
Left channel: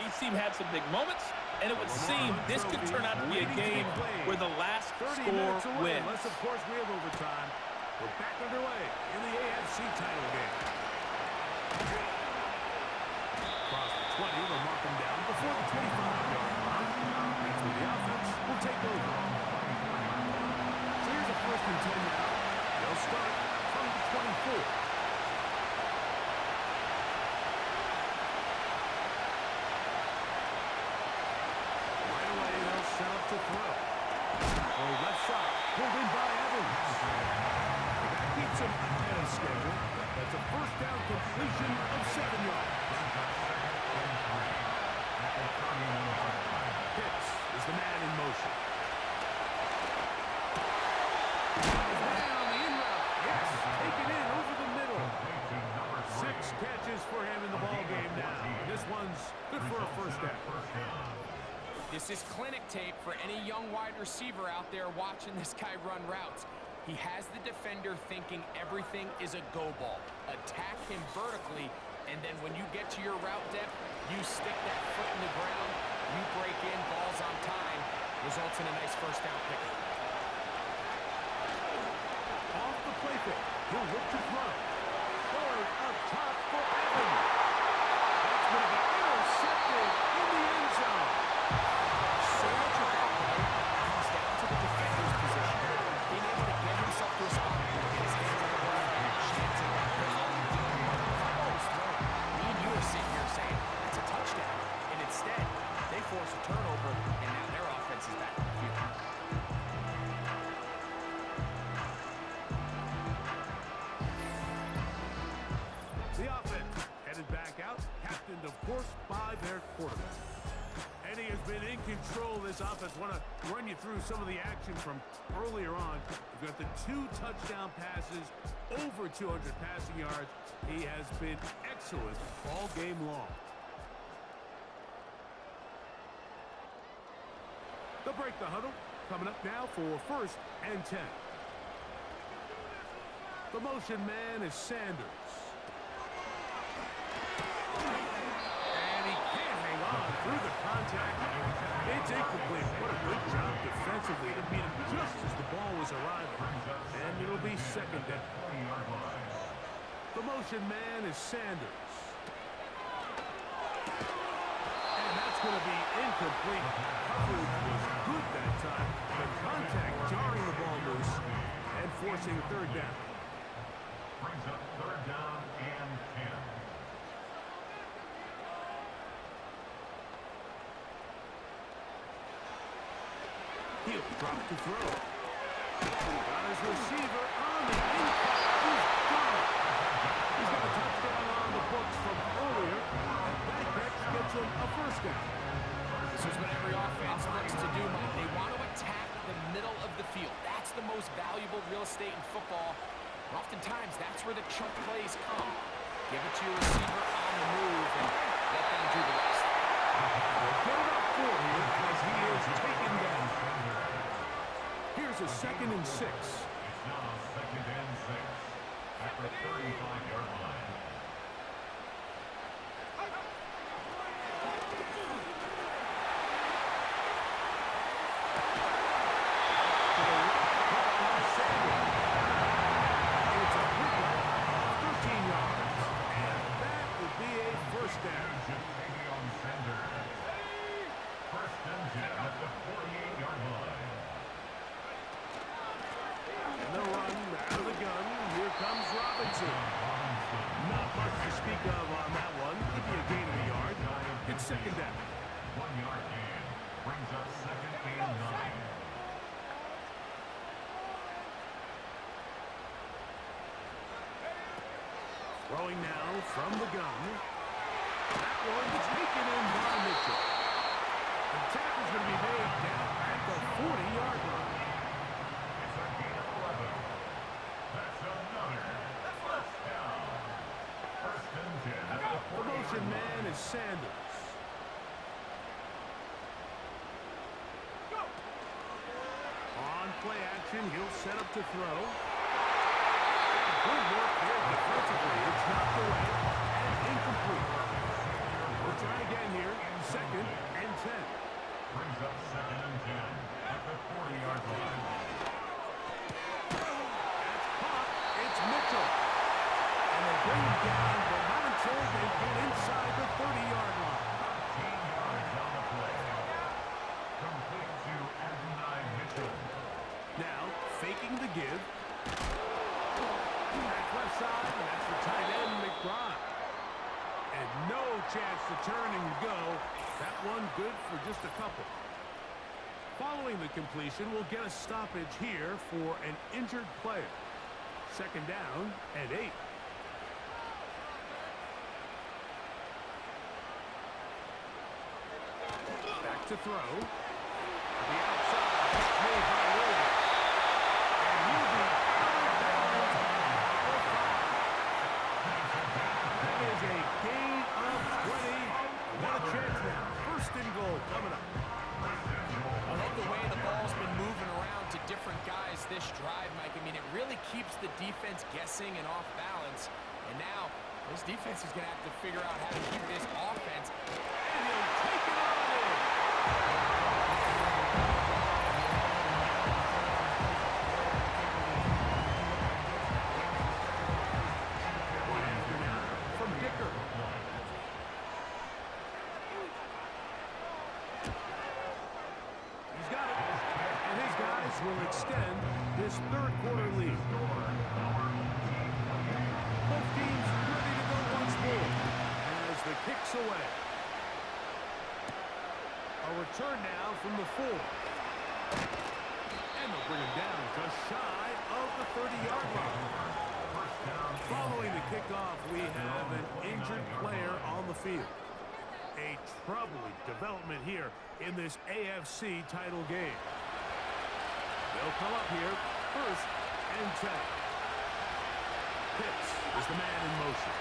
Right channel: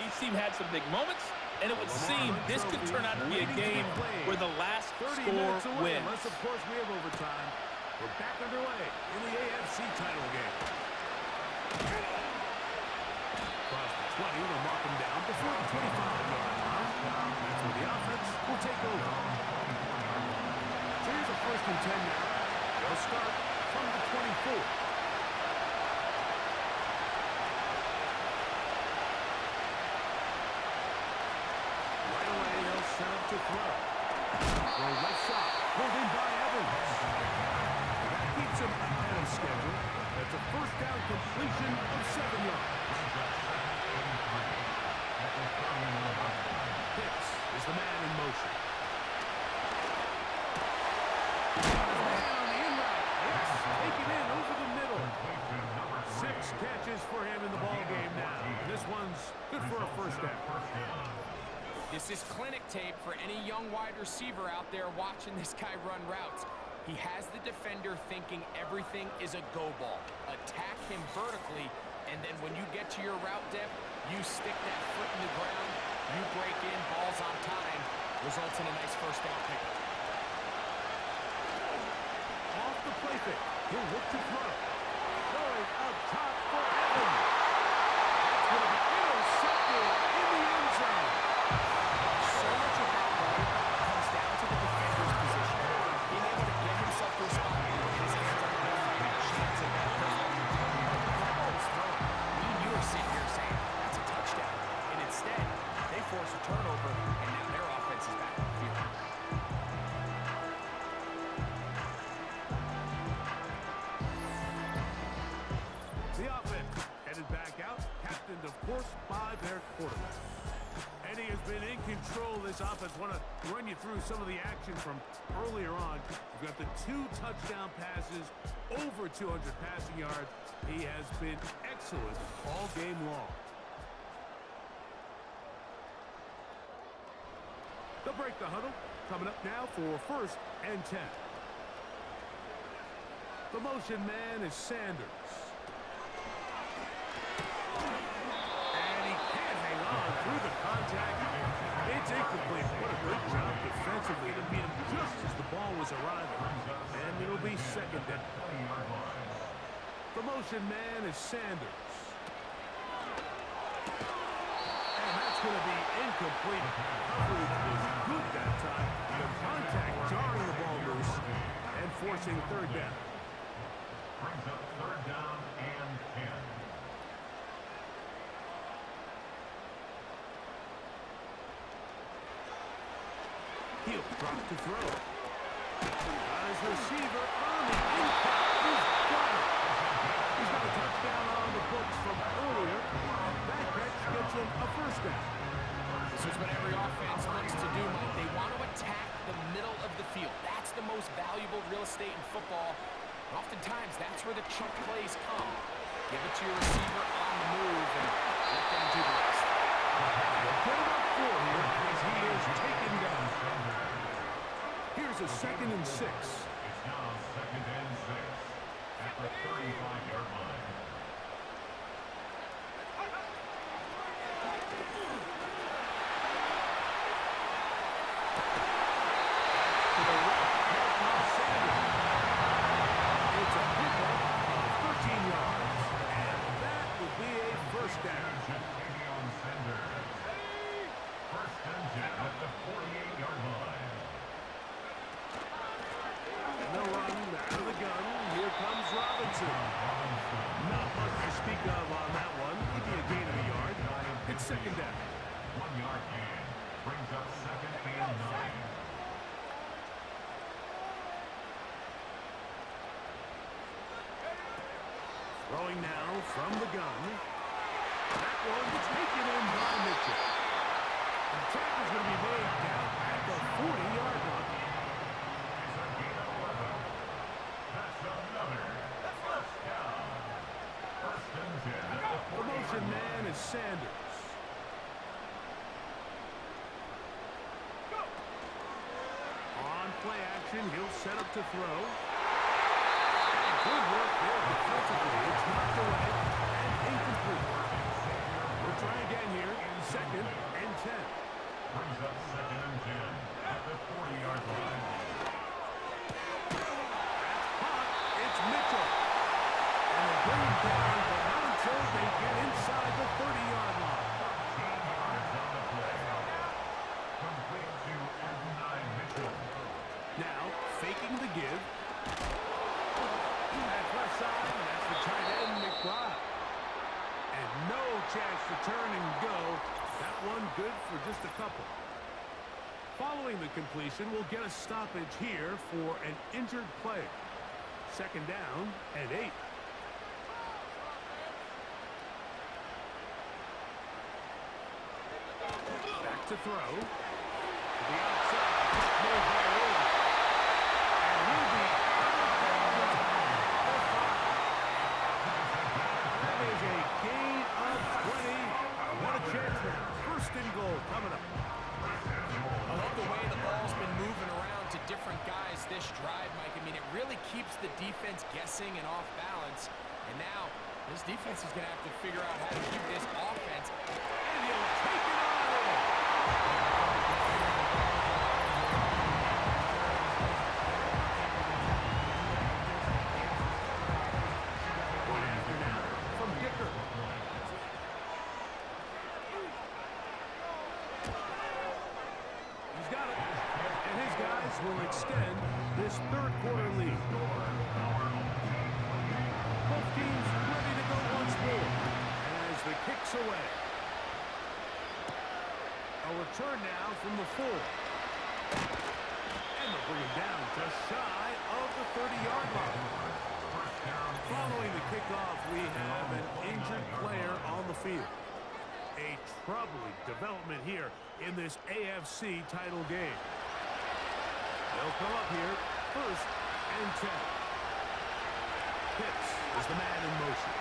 Each team had some big moments, and it would seem this could turn out to be a game where the last score wins. Unless, of course, we have overtime. We're back underway in the AFC title game. Across the 20, they'll mark them down before the 25-yard line. That's where the offense will take over. So here's a 1st and 10 now. They'll start from the 24. Set up to throw. Throw left side. Pulled in by Evans. And that keeps him ahead of schedule. That's a 1st down completion of 7 yards. Pitts is the man in motion. Man on the in route. Yes, taken in over the middle. 6 catches for him in the ball game now. And this one's good for a 1st down. This is clinic tape for any young wide receiver out there watching this guy run routes. He has the defender thinking everything is a go ball. Attack him vertically, and then when you get to your route depth, you stick that foot in the ground, you break in, balls on time, results in a nice 1st down pickup. Off the play fake. He'll look to throw. Going up top for Evans. That's going to be intercepted in the end zone. So much of that play comes down to the defender's position. Being able to get himself to a spot where he can get his hands on the ball and have a chance at that pistol. The ball was thrown. Me and you are sitting here saying, that's a touchdown. And instead, they force a turnover, and now their offense is back on the field. The offense headed back out, captained, of course, by their quarterback. And he has been in control of this offense. Want to run you through some of the action from earlier on. We've got the 2 touchdown passes, over 200 passing yards. He has been excellent all game long. They'll break the huddle. Coming up now for 1st and 10. The motion man is Sanders. Through the contact, it's incomplete. What a good job defensively to beat him just as the ball was arriving. And it'll be 2nd down. The motion man is Sanders. And that's going to be incomplete. Coverage was good that time. The contact jarring the ball loose and forcing 3rd down. Brings up 3rd down and 10. He'll drop to throw. Got his receiver on the in-cut. He's got it. He's got a touchdown on the books from earlier, and that catch gets him a 1st down. This is what every offense looks to do, Mike. They want to attack the middle of the field. That's the most valuable real estate in football. And oftentimes, that's where the chunk plays come. Give it to your receiver on the move and let them do the rest. They'll get about 4 here as he is taken down. Here's a 2nd and 6. It's now 2nd and 6 at the 35-yard line. To the right, caught by It's second down. 1 yard gain. Brings up second and 9. Throwing now from the gun. That one is taken in by Mitchell. And the tackle's going to be made down at the 40-yard line. It's a gain of 11. That's another first down. First and 10 at the The 40-yard motion line. man is Sanders. On play action, he'll set up to throw. And good work there defensively. It's knocked away and incomplete. We'll try again here. Second and 10. Brings up second and 10 at the 40-yard line. That's caught. It's Mitchell. And they bring him down, but not until they get inside the 30-yard line. 13 yards on the play. Complete to Adonai Mitchell. Now, faking the give. That's left side, and that's the tight end, McBride. And no chance to turn and go. That one good for just a couple. Following the completion, we'll get a stoppage here for an injured player. Second down and 8. Back to throw. To the outside. Catch made by Williams. And he'll be out of bounds at the 5. That is a gain of 20. And what a chance now. First and goal coming up. I love the way the ball's been moving around to different guys this drive, Mike. I mean, it really keeps the defense guessing and off balance. And now, this defense is going to have to figure out how to keep this offense. And he'll take it on in. One after now from Dicker. He's got it. And his guys will extend this third quarter lead. Both teams ready to go once more as the kick's away. A return now from the 4. And they'll bring him down just shy of the 30-yard line. Following the kickoff, we have an injured player on the field. A troubling development here in this AFC title game. They'll come up here first and 10. Pitts is the man in motion.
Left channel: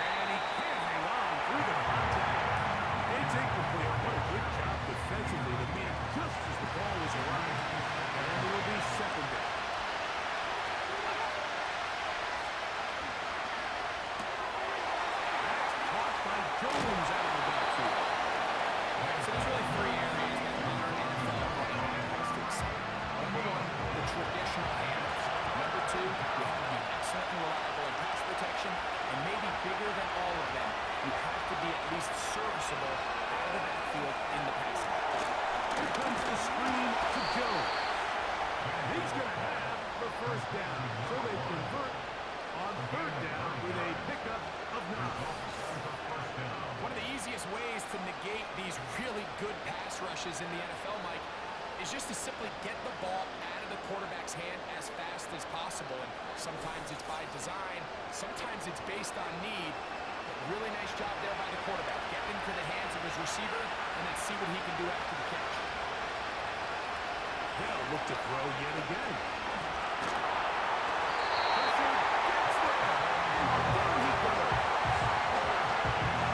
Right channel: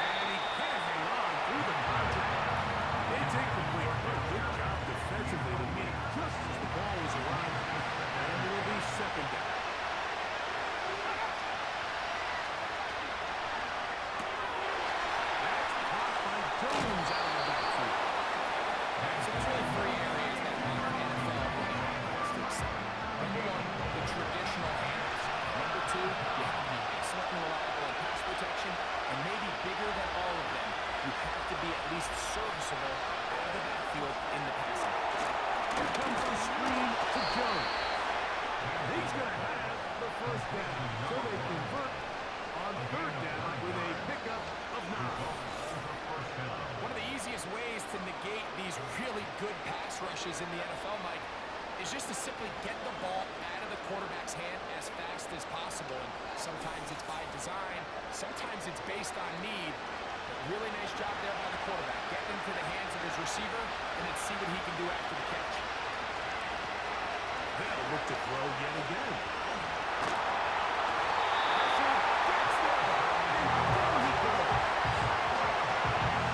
And he can't hang on through the contact. It's incomplete. What a good job defensively to meet it just as the ball was arriving. And it'll be second down. That's caught by Jones out of the backfield. So there's really 3 areas that modern NFL running back has to excel in. Number 1, the traditional handles. Number 2, you have to be excellent and reliable in pass protection. And maybe bigger than all of them, you have to be at least serviceable out of the backfield in the passing. Here comes the screen to Jones. He's going to have the first down. So they convert on third down with a pickup of 9. One of the easiest ways to negate these really good pass rushes in the NFL, Mike, is just to simply get the ball out of the quarterback's hand as fast as possible. And sometimes it's by design, sometimes it's based on need. But really nice job there by the quarterback. Get into the hands of his receiver and then see what he can do after the catch. They'll look to throw yet again. Pressure gets there, and down he goes.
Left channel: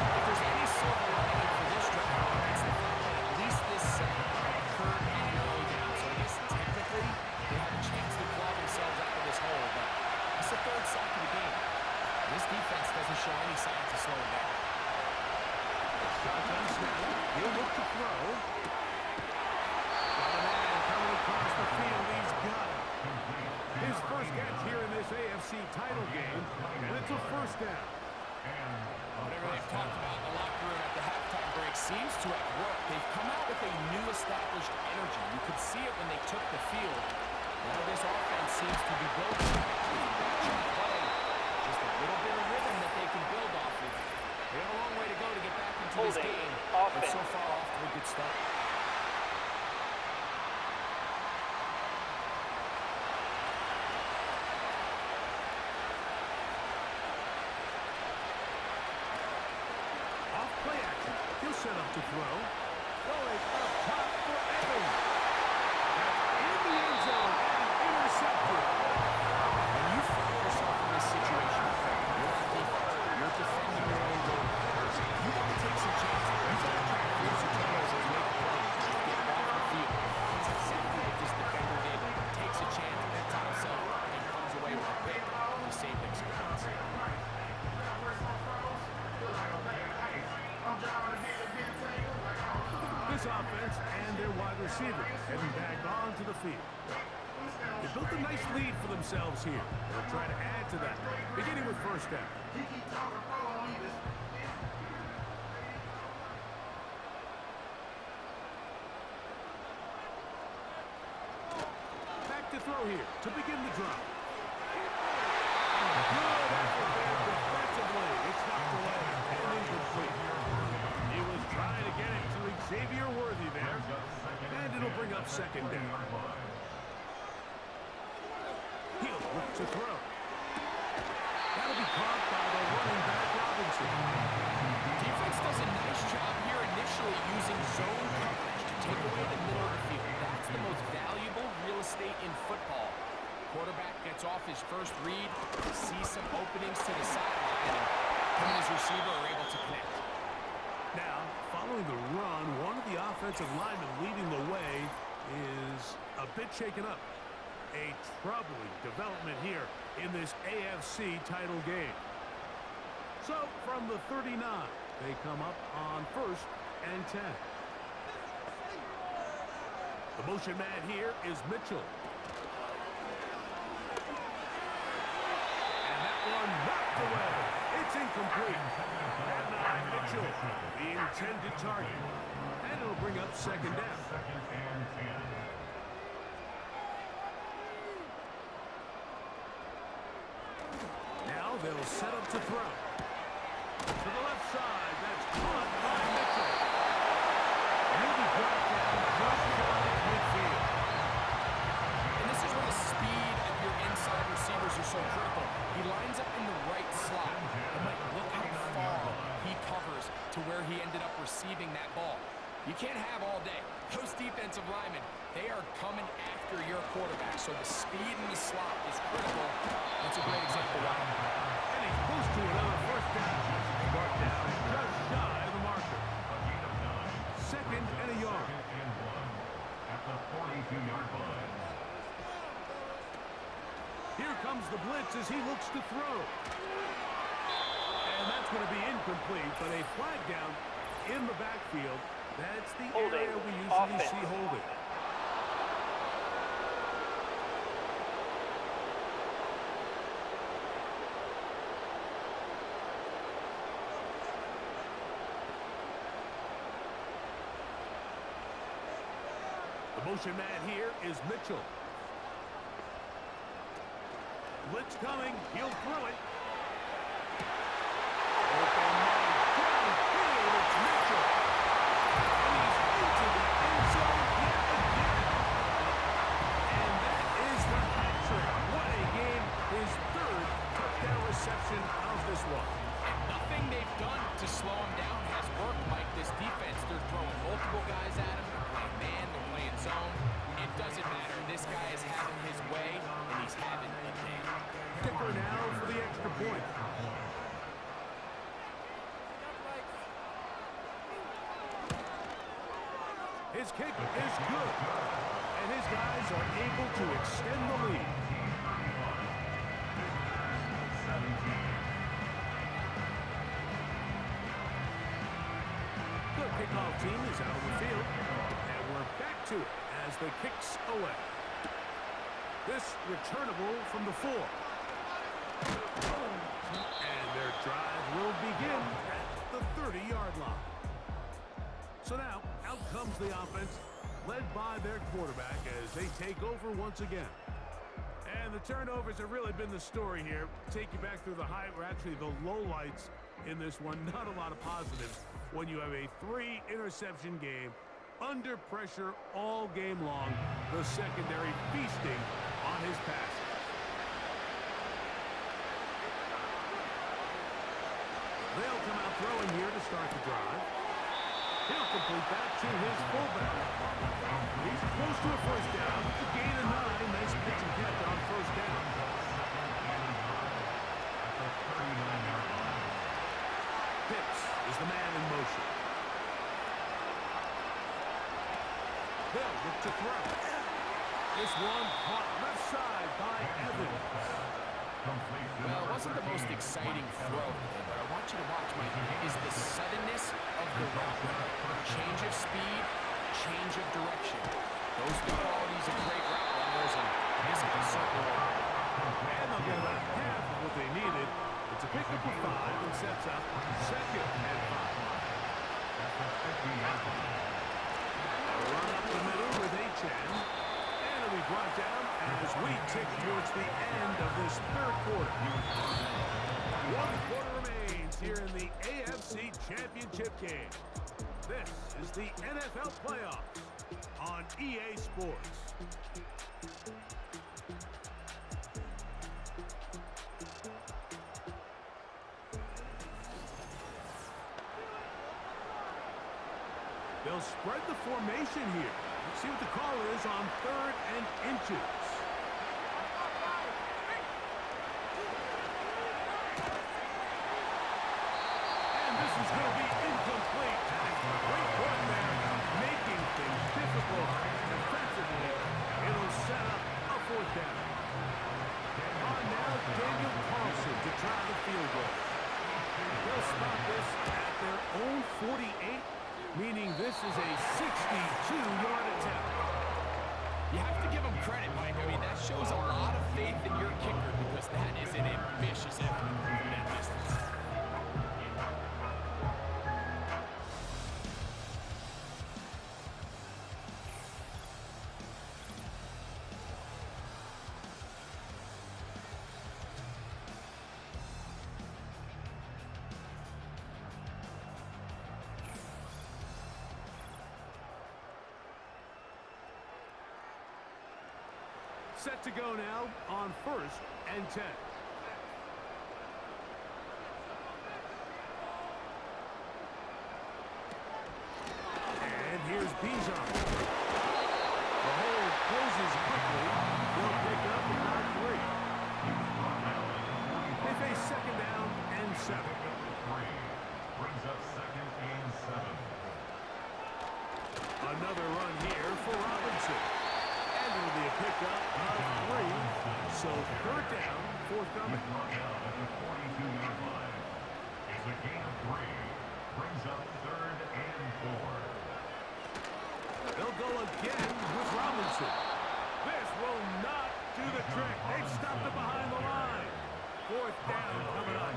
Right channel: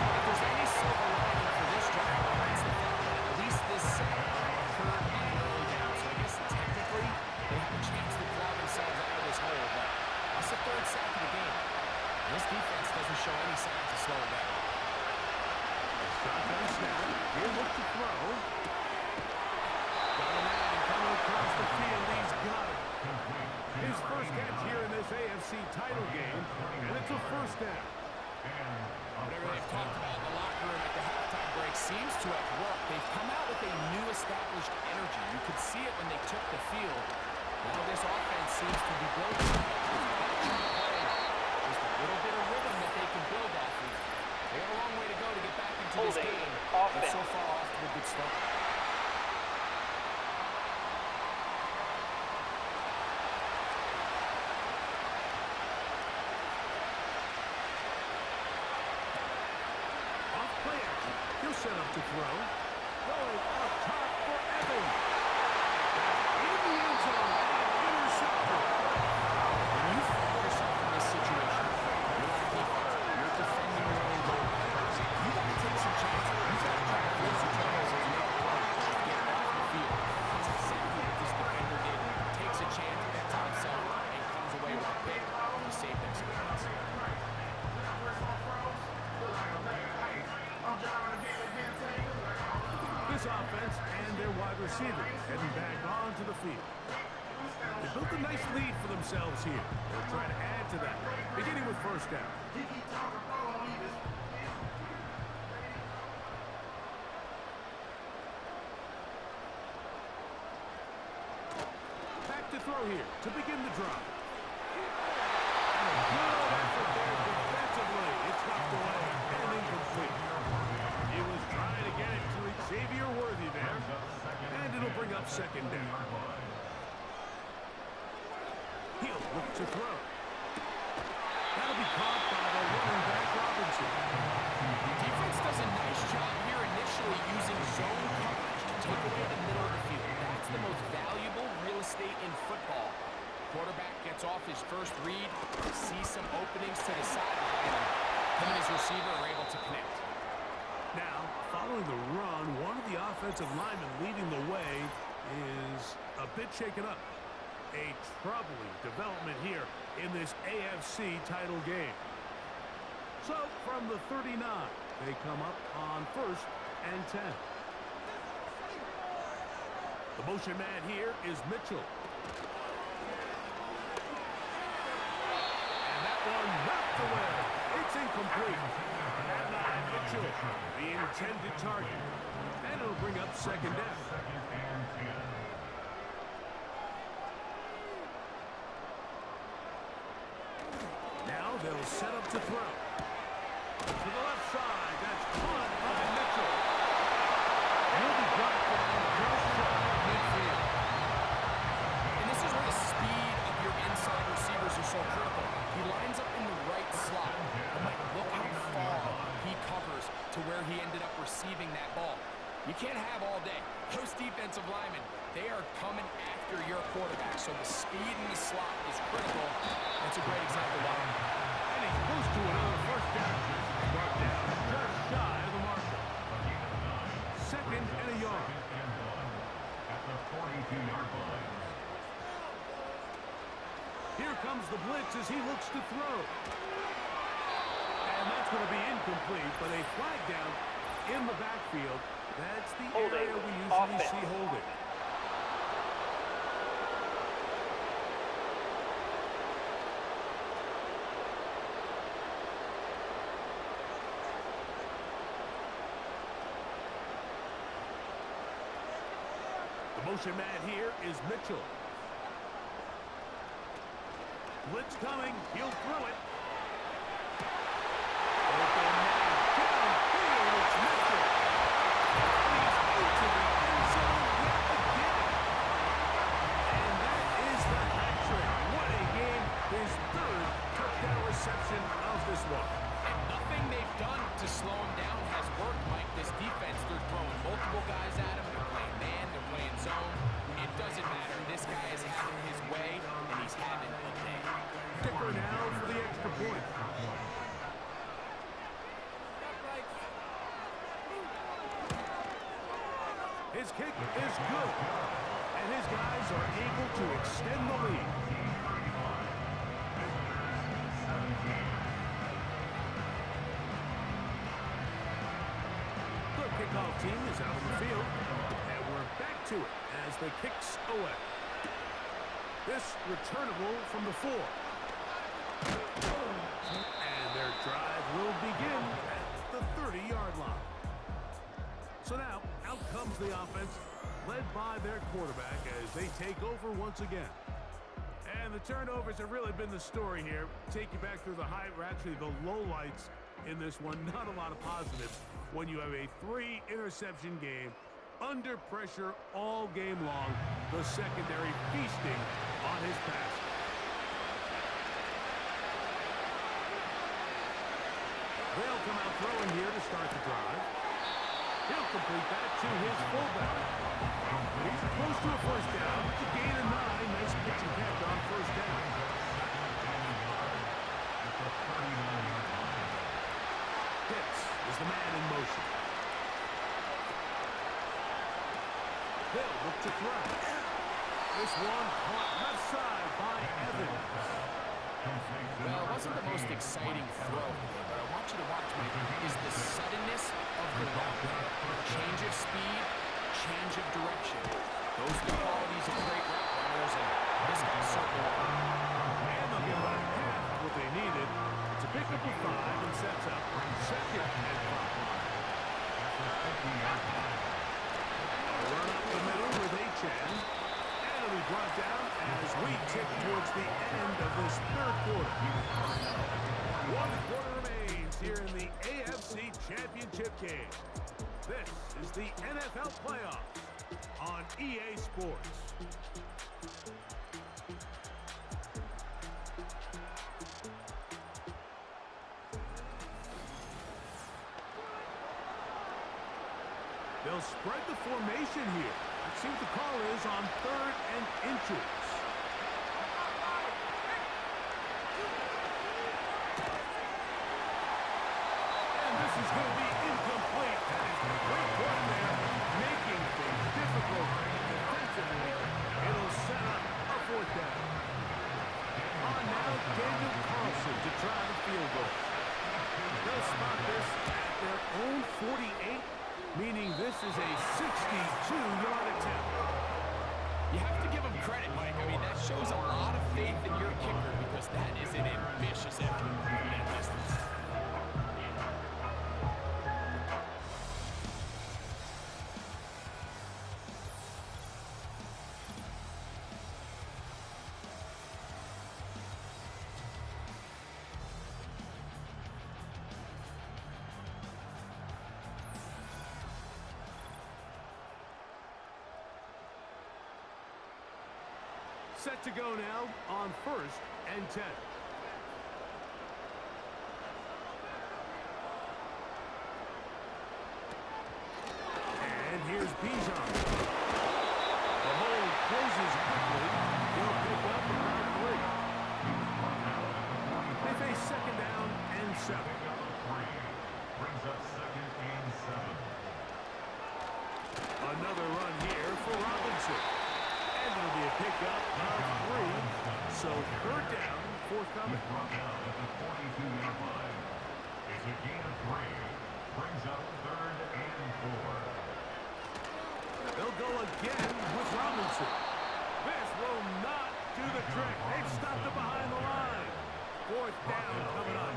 If there's any silver lining for this drive, it's the fact that at least this sack occurred on an early down. So I guess technically they have a chance to claw themselves out of this hole, but that's the 3rd sack of the game. And this defense doesn't show any signs of slowing down. Shotgun snap. He'll look to throw. Got a man coming across the field. He's got it. His first catch here in this AFC title game, and it's a first down. Whatever they've talked about in the locker room at the halftime break seems to have worked. They've come out with a new established energy. You could see it when they took the field. Now this offense seems to be built on that chunk play. Just a little bit of They got a long way to go to get back into this Holding game, but offense. so far off to a good start. Off play action. He'll set up to throw. Going up top for Evans. That's in the end zone and intercepted. When you find yourself in this situation, you're on defense, you're defending your own goal. You got to take some chances. You got to try to force a turnover and make a play to get off the field. That's exactly what this defender did. Takes a chance, bets on himself, and comes away with a pick to save them some points. This offense and their wide receiver heading back onto the field. They built a nice lead for themselves here. They'll try to add to that, beginning with first down. Back to throw here to begin the drive. And a good effort there defensively. It's knocked away and incomplete. He was trying to get it to Xavier Worthy there. And it'll bring up second down. He'll look to throw. That'll be caught by the running back Robinson. Defense does a nice job here initially using zone coverage to take away the middle of the field. That's the most valuable real estate in football. Quarterback gets off his first read, sees some openings to the sideline, and him and his receiver are able to connect. Now, following the run, one of the offensive linemen leading the way is a bit shaken up. A troubling development here in this AFC title game. So, from the 39, they come up on 1st and 10. The motion man here is Mitchell. And that one knocked away. It's incomplete. At 9, Mitchell, the intended target. And it'll bring up second down. Now they'll set up to throw. To the left side, that's caught by Mitchell. He'll be brought down just shy of midfield. And this is where the speed of your inside receivers are so critical. He lines up in the right slot. But Mike, look how far he covers to where he ended up receiving that ball. You can't have all day. Those defensive linemen, they are coming after your quarterback. So the speed in the slot is critical. That's a great example why. And he's close to another first down. Brought down just shy of the marker. Second and a yard. At the 42-yard line. Here comes the blitz as he looks to throw. And that's going to be incomplete, but a flag down in the backfield. That's the area we usually see holding. The motion man here is Mitchell. Blitz coming. He'll throw it. Open man downfield. It's Mitchell. And he's into the end zone yet again. And that is the hat trick. What a game. His third touchdown reception of this one. And nothing they've done to slow him down has worked, Mike. This defense, they're throwing multiple guys at him. They're playing man, they're playing zone. It doesn't matter. This guy is having his way, and he's having a day. Kicker now for the extra point. His kick is good. And his guys are able to extend the lead. The kickoff team is out on the field. And we're back to it as the kick's away. This returnable from the 4. And their drive will begin at the 30-yard line. So now, out comes the offense, led by their quarterback as they take over once again. And the turnovers have really been the story here. Take you back through the high, or actually the lowlights in this one. Not a lot of positives when you have a 3-interception game under pressure all game long. The secondary feasting on his passes. They'll come out throwing here to start the drive. He'll complete that to his fullback. He's close to a first down. It's a gain of 9. Nice pitch and catch on first down. At the 39-yard line. Pitts is the man in motion. Hill look to throw. This one caught left side by Evans. Well, it wasn't the most exciting throw today, but I want you to watch, Mike, is the suddenness of the route. Change of speed, change of direction. Those are the qualities of great route runners, and this guy certainly won. And they'll get about half of what they needed. It's a pickup of 5 and sets up 2nd and 5. A run up the middle with Achane. And it'll be brought down as we tick towards the end of this third quarter. 1 quarter remains here in the AFC Championship game. This is the NFL playoffs on EA Sports. They'll spread the formation here. Let's see what the call is on 3rd and inches. And this is going to be incomplete. That is great work there, making things difficult defensively. It'll set up a 4th down. On now, Daniel Carlson to try the field goal. They'll spot this at their own 48. Meaning this is a 62-yard attempt. You have to give him credit, Mike. I mean, that shows a lot of faith in your kicker because that is an ambitious effort from that distance. Set to go now on 1st and 10. And here's Bijan. The hole closes quickly. He'll pick up about 3. They face 2nd down and 7. Brings up 2nd and 7. Another run here for Robinson. And it'll be a pickup of 3. So 3rd down, forthcoming. Brought down at the 42-yard line. It's a gain of 3. Brings up 3rd and 4. They'll go again with Robinson. This will not do the trick. They've stopped it behind the line. 4th down coming up.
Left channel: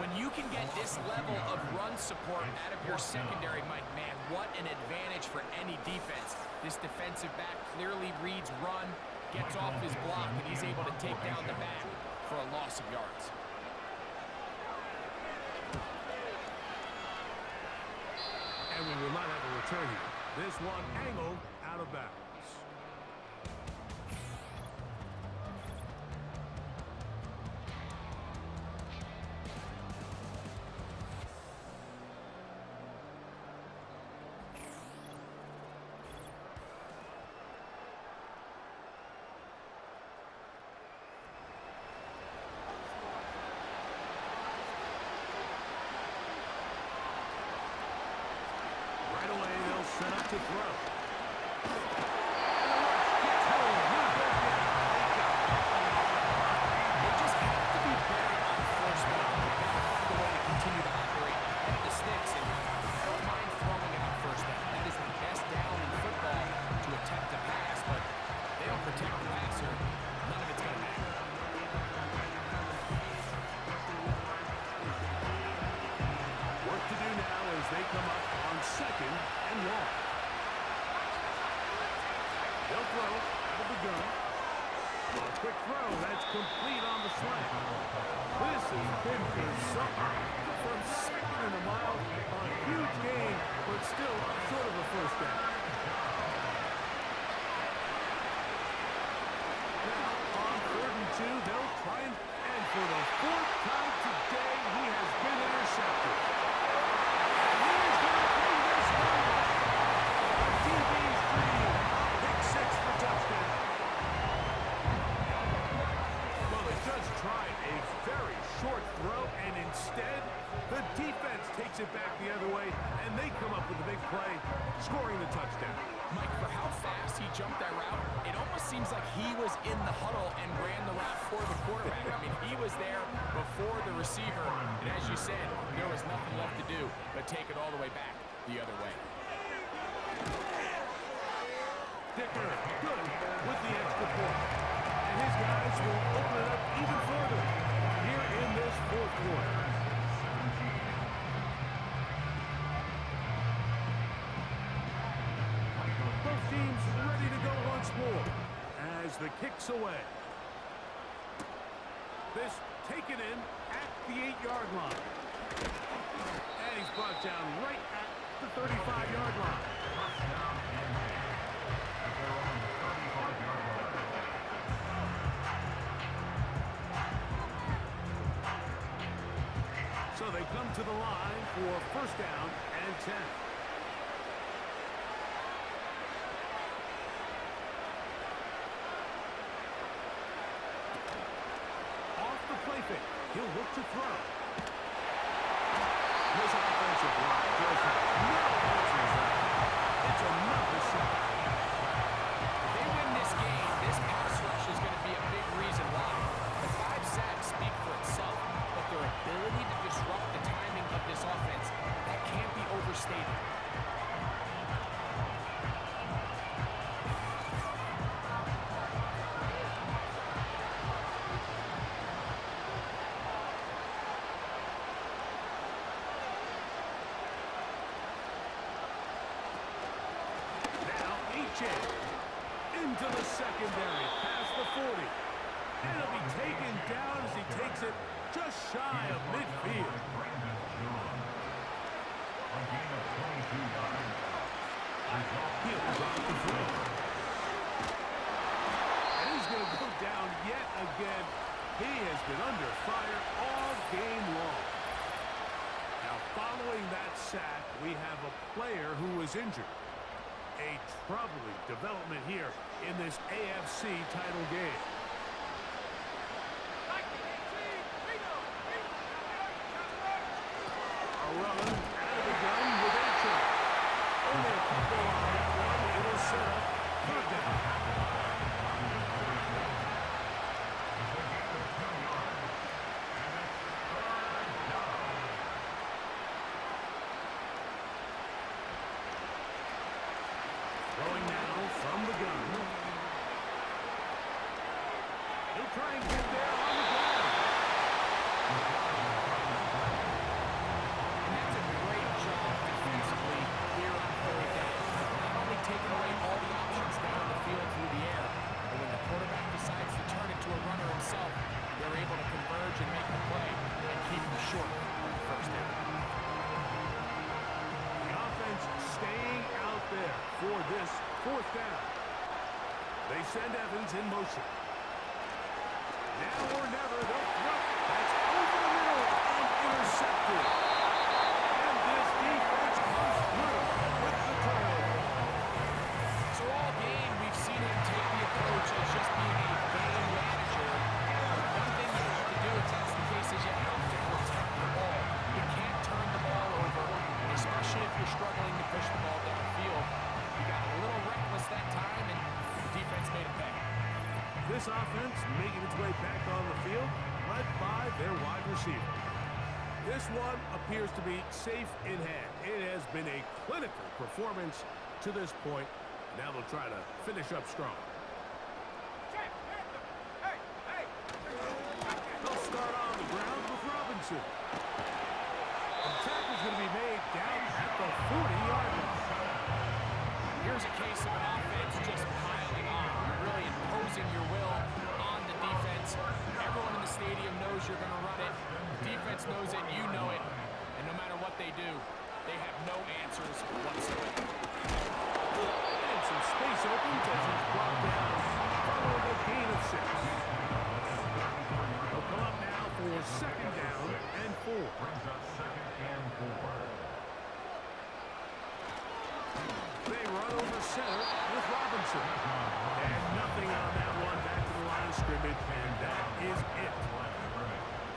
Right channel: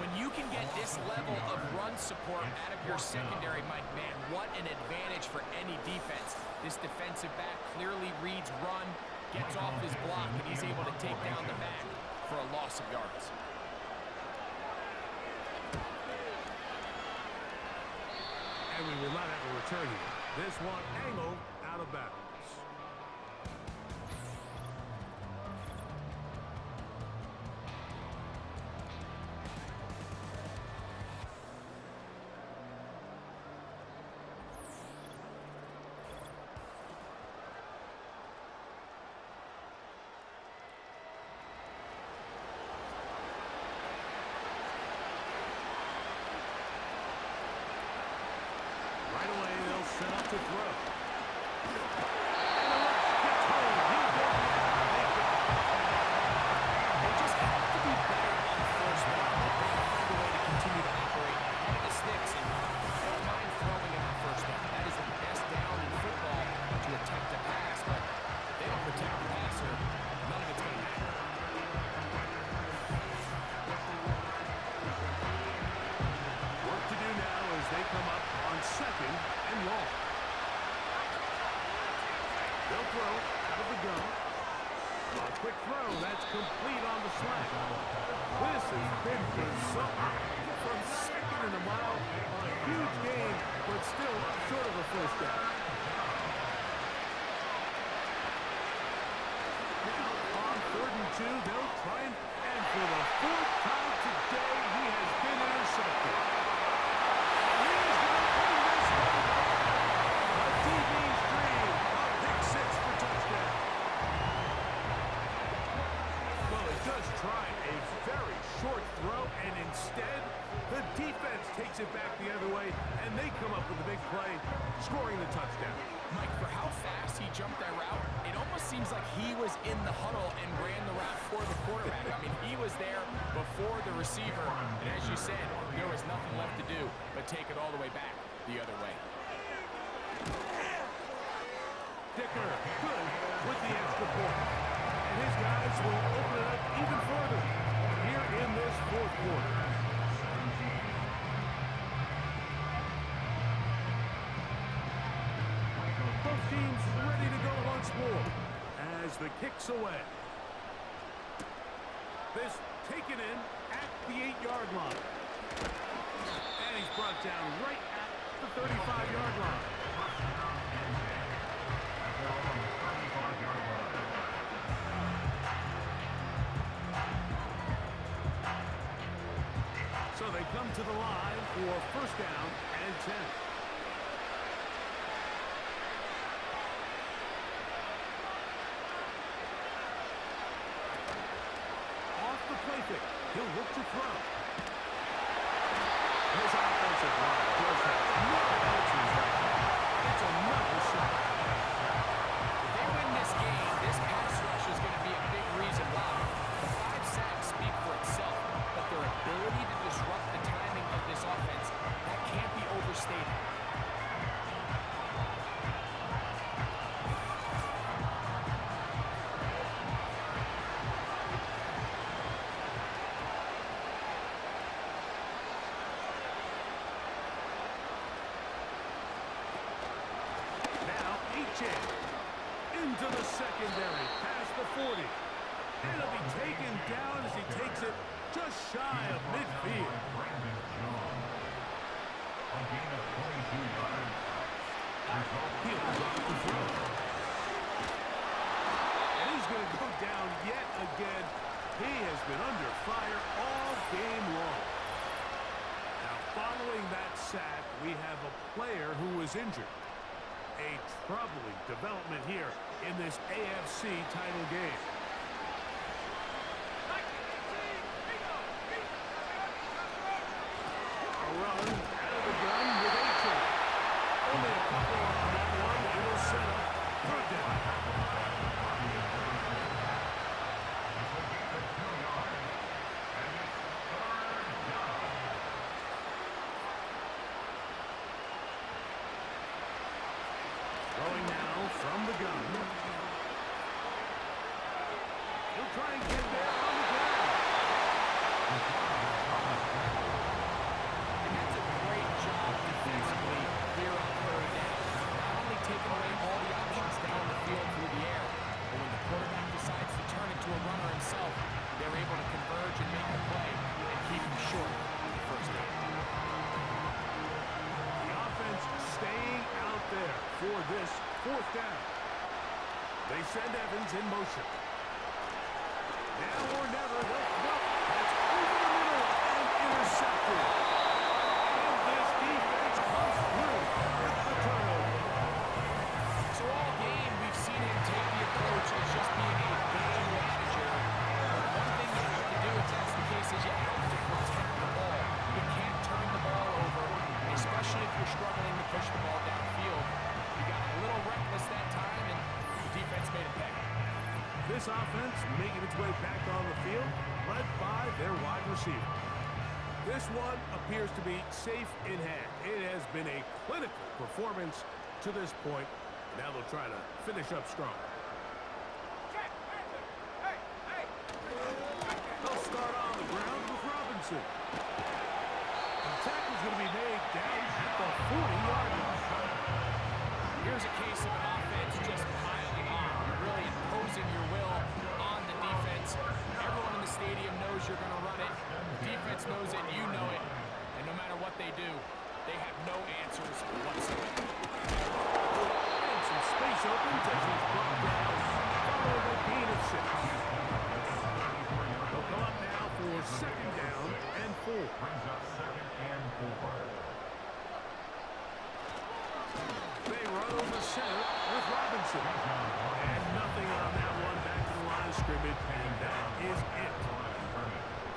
When you can get this level of run support out of your secondary, Mike, man, what an advantage for any defense. This defensive back clearly reads run, gets off his block, and he's able to take down the back for a loss of yards. And we will not have a return here. This one angled out of bounds. Right away, they'll set up to throw. And the rush gets home. He'll go down. They got it. They just have to be better on 1st down. They've got to find a way to continue to operate ahead of the sticks, and I don't mind throwing it on 1st down. That is the best down in football to attempt a pass, but if they don't protect the passer, none of it's going to matter. Work to do now as they come up on 2nd and long. They'll throw out of the gun. A quick throw. That's complete on the slant. This has been bizarre. From second in a mile, a huge gain, but still short of a first down. Now, on 3rd and 2, they'll try and for the 4th time today, he has been intercepted. And he is going to bring this one back. A DB's dream, a pick 6 for touchdown. Well, they just tried a very short throw, and instead, the defense takes it back the other way, and they come up with a big play, scoring the touchdown. Mike, for how fast he jumped that route, it almost seems like he was in the huddle and ran the route for the quarterback. I mean, he was there before the receiver, and as you said, there was nothing left to do but take it all the way back the other way. Dicker, good with the extra point. And his guys will open it up even further here in this 4th quarter. Both teams ready to go once more as the kick's away. This taken in at the 8-yard line. And he's brought down right at the 35-yard line. So they come to the line for 1st down and 10. Off the play fake, he'll look to throw. This offensive line just has no answers right now. It's another sack. If they win this game, this pass rush is going to be a big reason why. The 5 sacks speak for itself, but their ability to disrupt the timing of this offense, that can't be overstated. Into the secondary, past the 40. And it'll be taken down as he takes it just shy of midfield. He'll drop the throw. And he's going to go down yet again. He has been under fire all game long. Now, following that sack, we have a player who was injured. A troubling development here in this AFC title game. A run out of the gun with A-Train. Only a couple on that one. It'll set up 3rd down. Throwing now from the gun. He'll try and get there on the ground. And that's a great job defensively here on 3rd down. Not only taking away all the options down the field through the air, but when the quarterback decides to turn it to a runner himself, they're able to converge and make the play and keep him short of the 1st down. Staying out there for this 4th down. They send Evans in motion. Now or never, they'll throw. That's over the middle and intercepted. And this defense comes through with the turnover. So all game, we've seen him take the approach as just being a game manager. One thing you have to do, if that's the case, is you have to protect the ball. You can't turn the ball over, especially if you're struggling to push the ball downfield. He got a little reckless that time, and the defense made a pay. This offense making its way back on the field, led by their wide receiver. This one appears to be safe in hand. It has been a clinical performance to this point. Now they'll try to finish up strong. They'll start on the ground with Robinson. The tackle's going to be made down at the 40-yard line. Here's a case of an offense just piling on. You're really imposing your will on the defense. Everyone in the stadium knows you're going to run it. The defense knows it, you know it. And no matter what they do, they have no answers whatsoever. And some space opens as he's brought down following a gain of 6. They'll come up now for 2nd down and 4. Brings up 2nd and 4. They run over center with Robinson. And nothing on that one. Back to the line of scrimmage, and that is it.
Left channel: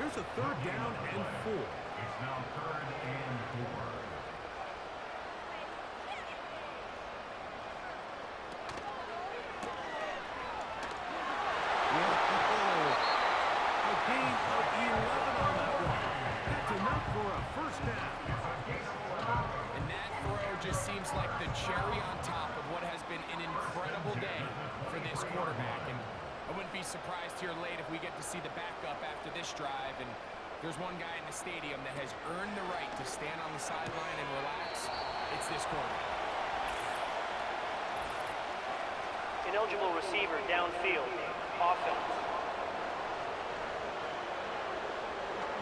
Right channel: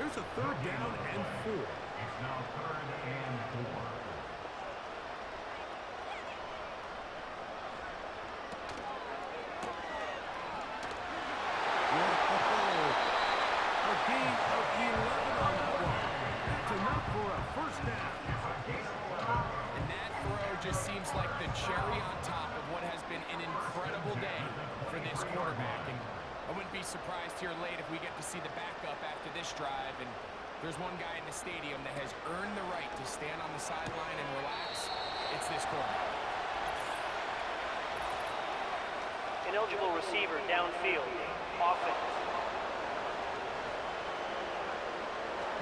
Here's a 3rd down and 4. It's now 3rd and 4. A gain of 11 on that one. That's enough for a 1st down. And that throw just seems like the cherry on top of what has been an incredible day for this quarterback. And I wouldn't be surprised here late if we get to see the backup after this drive. And there's one guy in the stadium that has earned the right to stand on the sideline and relax. It's this quarterback. Ineligible receiver downfield. Offense.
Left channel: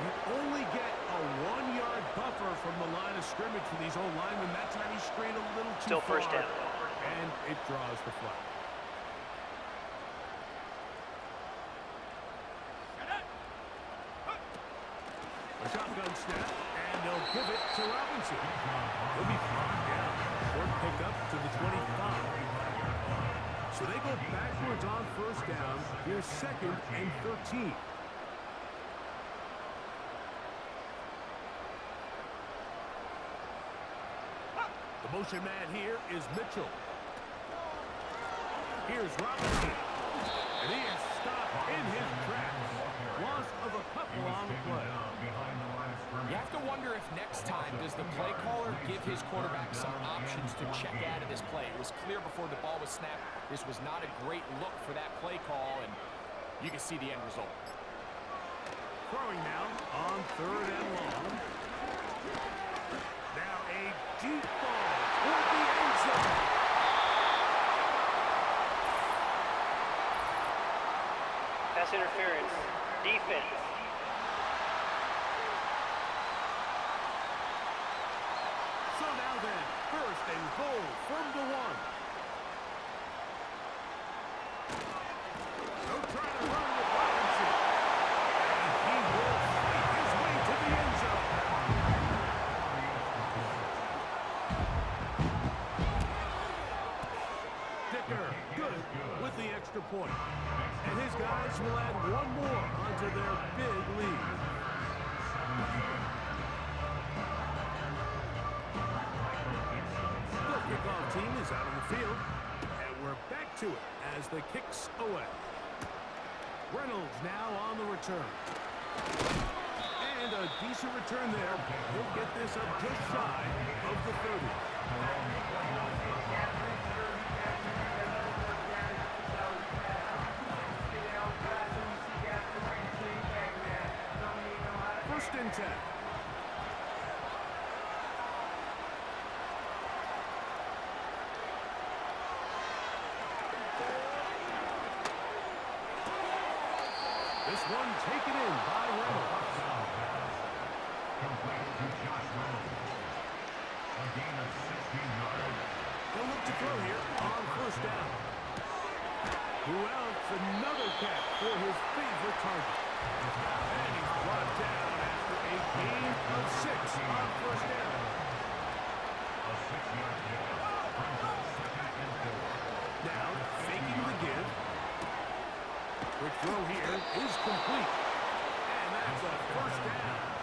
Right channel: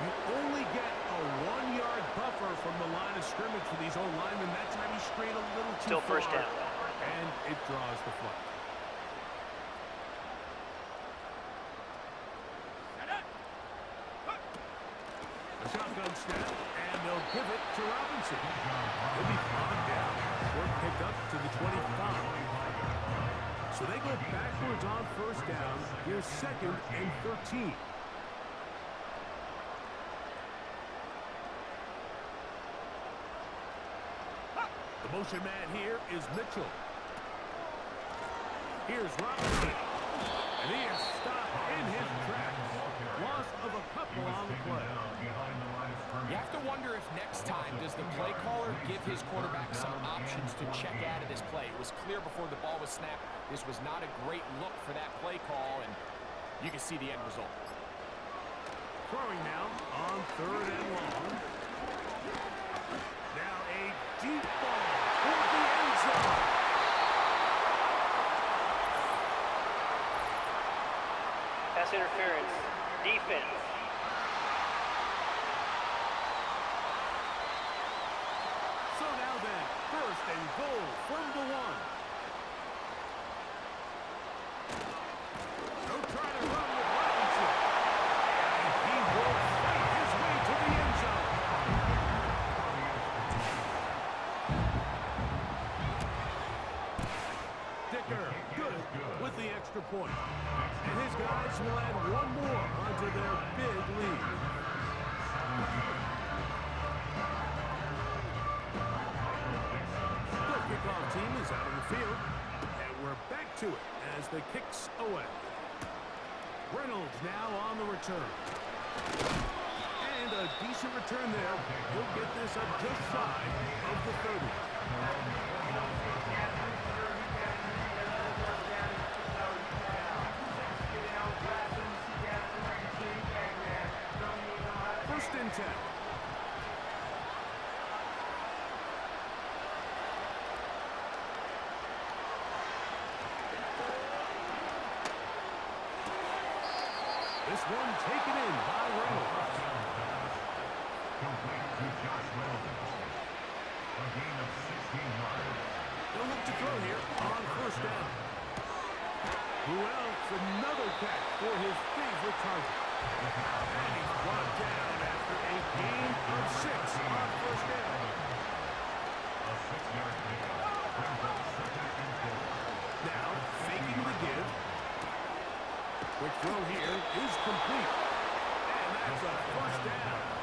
You only get a 1-yard buffer from the line of scrimmage for these old linemen. That time he strayed a little too Still far. 1st down. And it draws the flag. A shotgun snap, and they'll give it to Robinson. He'll be bogged down. Short pickup to the 25. So they go backwards on 1st down. Here's 2nd and 13. The motion man here is Mitchell. Here's Robinson. And he is stopped in his tracks. Loss of a couple on the play. You have to wonder if next time does the play caller give his quarterback some options to check out of this play. It was clear before the ball was snapped this was not a great look for that play call, and you can see the end result. Throwing now on 3rd and long. Now a deep ball toward the end zone. Pass interference. Defense. So now then, 1st and goal from the 1. They'll try to run with Robinson. And he will fight his way to the end zone. Dicker, good with the extra point. And his guys will add 1 more onto their big lead. The kickoff team is out on the field, and we're back to it as the kick's away. Reynolds now on the return. And a decent return there. He'll get this up just shy of the 30. First and 10. This one taken in by Reynolds. Complete to Josh Reynolds. A gain of 16 yards. They'll look to throw here on 1st down. Who else? Another catch for his favorite target. And he's brought down after a gain of 6 on 1st down. A 6-yard pickup brings up 2nd and 4. Now, faking the give. Quick throw here is complete. And that's a 1st down.